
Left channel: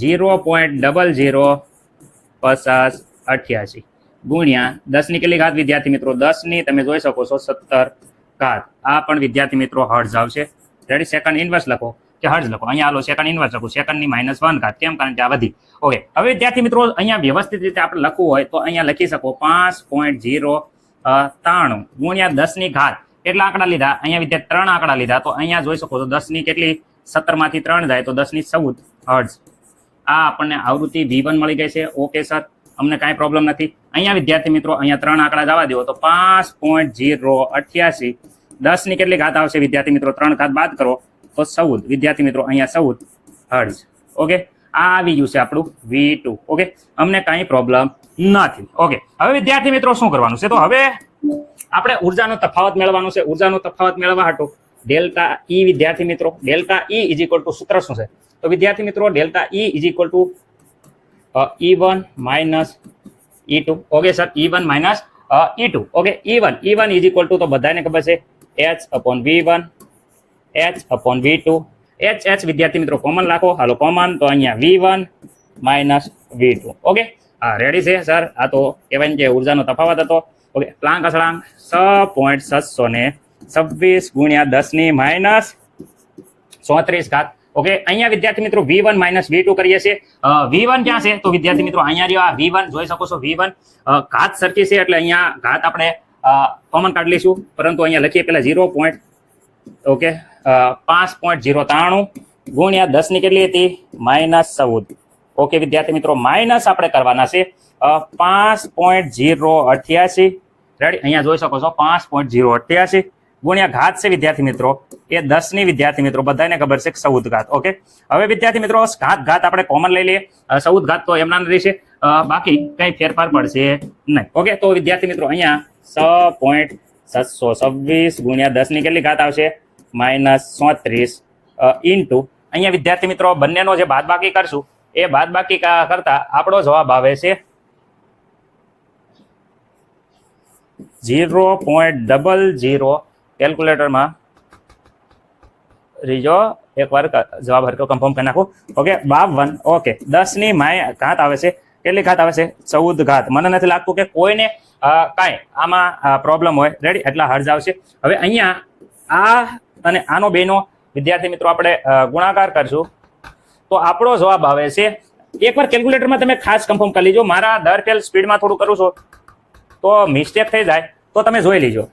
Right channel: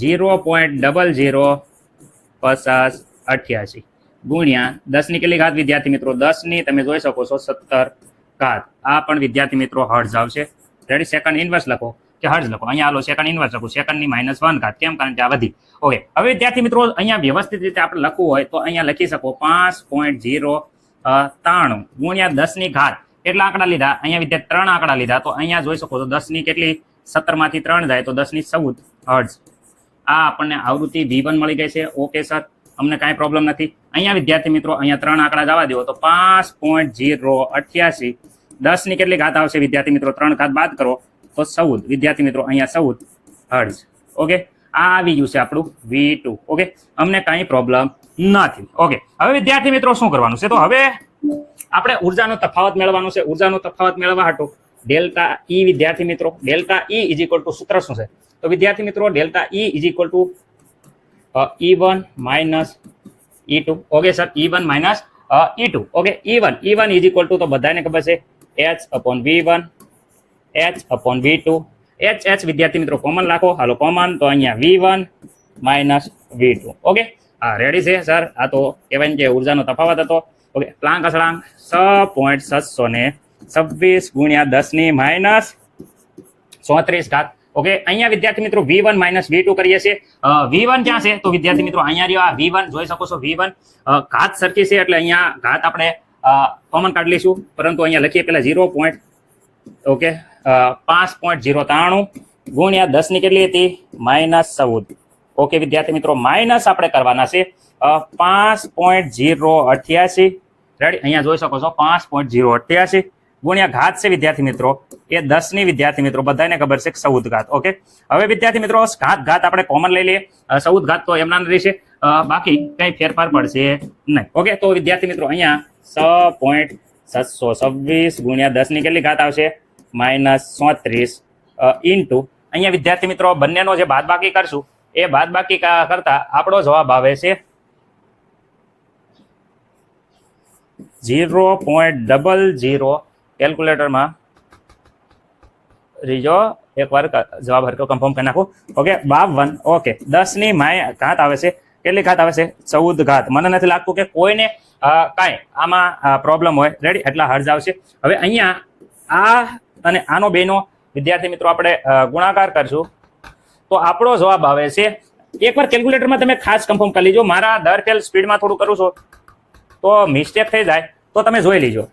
0.005088 ગુણ્યા 10 ની કેટલી ઘાત વિદ્યાર્થી મિત્રો 10 ની તમે જોઈ શકો છો 17 ઘાત. આ પણ વિદ્યાર્થી મિત્રો હર્ટ્ઝ આવશે. રેડી, સેકન્ડ ઇન્વર્સ લખો કે હર્ટ્ઝ લખો. અહીંયા હાલો સેકન્ડ ઇન્વર્સ લખો, સેકન્ડ ની -1 ઘાત. કેમ? કારણ કે આ વધી. ઓકે, હવે વિદ્યાર્થી મિત્રો અહીંયા વ્યવસ્થિત રીતે આપણે લખવું હોય તો અહીંયા લખી શકો 5.093 ગુણ્યા 10 ની ઘાત. કેટલા આંકડા લીધા? અહીંયા વિદ્યાર્થી 3 આંકડા લીધા. તો અહીંયા જોઈ શકો છો 10 ની કેટલી 17 માંથી 3 જાય તો 10 ની 14 હર્ટ્ઝ. આ આપણને આવૃત્તિ V1 મળી ગઈ છે. ઓકે સર, અમને કાંઈ પ્રોબ્લેમ નથી. અહીંયા વિદ્યાર્થી મિત્રો અહીંયા 3 આંકડા જવા દો તો 5.088 10 ની કેટલી ઘાત આવશે વિદ્યાર્થી મિત્રો? 3 ઘાત બાદ કરો તો 14 વિદ્યાર્થી મિત્રો અહીંયા 14 હર્ટ્ઝ. ઓકે, આ આવી ગયું છે આપણું V2. ઓકે, અમને કાંઈ પ્રોબ્લેમ નથી. ઓકે, હવે વિદ્યાર્થી મિત્રો શું કરવાનું છે? તો હવે આપણે ઉર્જાનો તફાવત મેળવવાનો છે. ઉર્જાનો તફાવત મેળવવા હાટુ ડેલ્ટા E વિદ્યાર્થી મિત્રો, ડેલ્ટા E = સૂત્ર શું છે? તો વિદ્યાર્થી મિત્રો delta E = E1 - E2. Okay sir, E1 - E2. Okay, E1 = તો બધાને ખબર છે h/v1 h/v2 h વિદ્યાર્થી મિત્રો કોમન રાખો, હાલો કોમન, તો અહીંયા v1 માઇનસ v2. ઓકે, હા રેડી છે સર. આ તો કહેવાય ને જે ઉર્જાનો તફાવત હતો. ઓકે, પ્લાન્ક અસળાંક 6.726 ગુણ્યા 10 - 34 ઓકે, અહીંયા વિદ્યાર્થી મિત્રો v1 માઇનસ v2 કરીએ છીએ. v1 ક્યાં છે તો વિદ્યાર્થી મિત્રો અહીંયા રહ્યો, આ v1 જોઈ શકો છો. v1 ઘાત સરખી છે એટલે અહીંયા ઘાત આપણે કોમન કાઢી લઈશું, પરંતુ અહીંયા લખીએ પેલા 0. ઓકે, 5.093 ગુણ્યા 10 ની કેટલી હતી -14. ઓકે વિદ્યાર્થી મિત્રો, માઇનસ આપણે કરવાના છે 5.088. રેડી, અહીંયા જોઈ શકો છો 5.088 ગુણ્યા ઘાત છે વિદ્યાર્થી મિત્રો એ 10 ની વિદ્યાર્થી મિત્રો બધાને ખબર છે 14 ઘાત. ઓકે, હવે વિદ્યાર્થી મિત્રો ઘાત આપણે કોમન લઈ લઈએ. 14 ઘાત તો એમના રહેશે, બાકી કઈ ફેરફાર પડશે નહીં. ઓકે, તો વિદ્યાર્થી મિત્રો અહીંયા 6.726 ગુણ્યા 10 ની કેટલી ઘાત આવશે -34 ઇન્ટુ અહીંયા વિદ્યાર્થી મિત્રો બંનેનો જે બાદબાકી કરશું એ બાદબાકી કરતા આપણો જવાબ આવે છે 0.00. કેલ્ક્યુલેટરમાં રીજો એકવાર જવાબ હરકો કન્ફર્મ કરી નાખું. ઓકે, 52. ઓકે, 10 ની ઘાત આવે છે, કેટલી ઘાત આવે છે 14 ઘાત. મને નથી લાગતું કે કોઈને કાંઈ આમાં પ્રોબ્લેમ હોય. રેડી, એટલા હર્જ આવશે. હવે અહીંયા આ અને આનો બેનો વિદ્યાર્થી મિત્રો આપણે ગુણાકાર કરશું તો આપણો જવાબ આવે છે, એકવાર કેલ્ક્યુલેટરમાં તમે ખાસ કન્ફર્મ કરી લેજો. મારા દર ફેલ સ્પીડમાં થોડું કરું છું તો મિસ્ટેક થઈ જાય તો તમે જોઈ લેજો.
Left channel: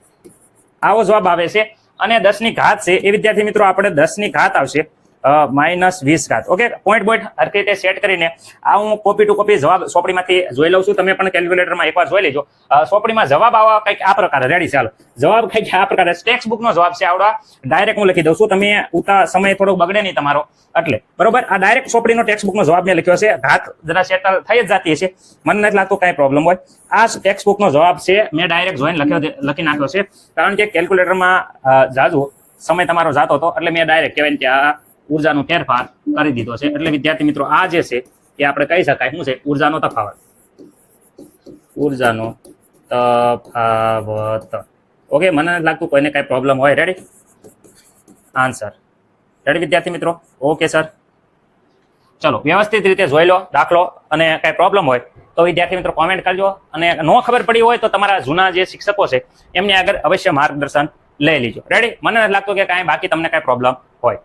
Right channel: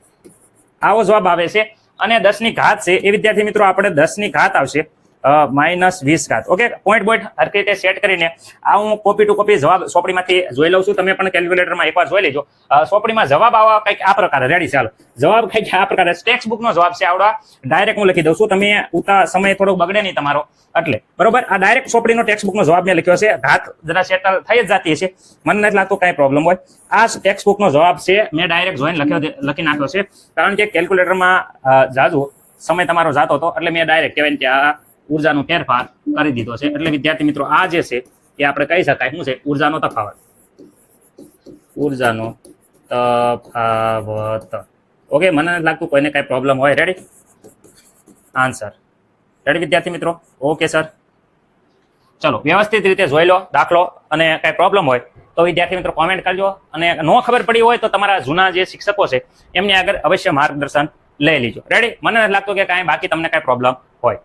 આવો જવાબ આવે છે. અને 10 ની ઘાત છે એ વિદ્યાર્થી મિત્રો આપણે 10 ની ઘાત આવશે -20. ઓકે, પોઈન્ટ હરખી રીતે સેટ કરીને આ હું કોપી ટુ કોપી જવાબ સોપડીમાંથી જોઈ લઉં છું. તમે પણ કેલ્ક્યુલેટરમાં એકવાર જોઈ લેજો. સોપડીમાં જવાબ આવા કંઈક આ પ્રકારે. રેડી, ચાલો જવાબ કંઈક આ પ્રકારે ટેક્સ્ટ બુકનો જવાબ છે આવડા. ડાયરેક્ટ હું લખી દઉં છું, તમે ઉતા સમય થોડોક બગડે નહીં તમારો એટલે. બરોબર, આ ડાયરેક્ટ સોપડીનો ટેક્સ્ટ બુકનો જવાબ મેં લખ્યો છે. ઘાત જરા સેટલ થઈ જ જતી હશે, મને નથી લાગતું કાંઈ પ્રોબ્લેમ હોય. આ ટેક્સ્ટ બુકનો જવાબ છે, મેં ડાયરેક્ટ જોઈને લખી નાખ્યો છે, કારણ કે કેલ્ક્યુલેટરમાં જાજુ સમય તમારો જાતો હતો એટલે મેં ડાયરેક્ટ કહેવાય કે આ ઉર્જાનો ફેરફાર કરી દીધો છે. એટલે વિદ્યાર્થી મિત્રો આ જે છે એ આપણે કહી શકાય શું છે, ઉર્જાનો તફાવત. ઉર્જાનો તફાવત. ઓકે, મને નથી લાગતું કોઈને કાંઈ પ્રોબ્લેમ હોય. રેડી, આન્સર રેડી વિદ્યાર્થી મિત્રો. ઓકે સર, ચલો વ્યવસ્થિત રીતે જોઈ લો દાખલો, અને કાંઈ પ્રોબ્લેમ હોય તો વિદ્યાર્થી મિત્રો કોમેન્ટ કરજો. અને ન ખબર પડી હોય તો તમારા જૂના જે શિક્ષકો છે એમની આગળ અવશ્ય માર્ગદર્શન લઈ લેજો. રેડી, મને નથી લાગતું કે કાંઈ બાકી તમને કાંઈ પ્રોબ્લેમ હોય.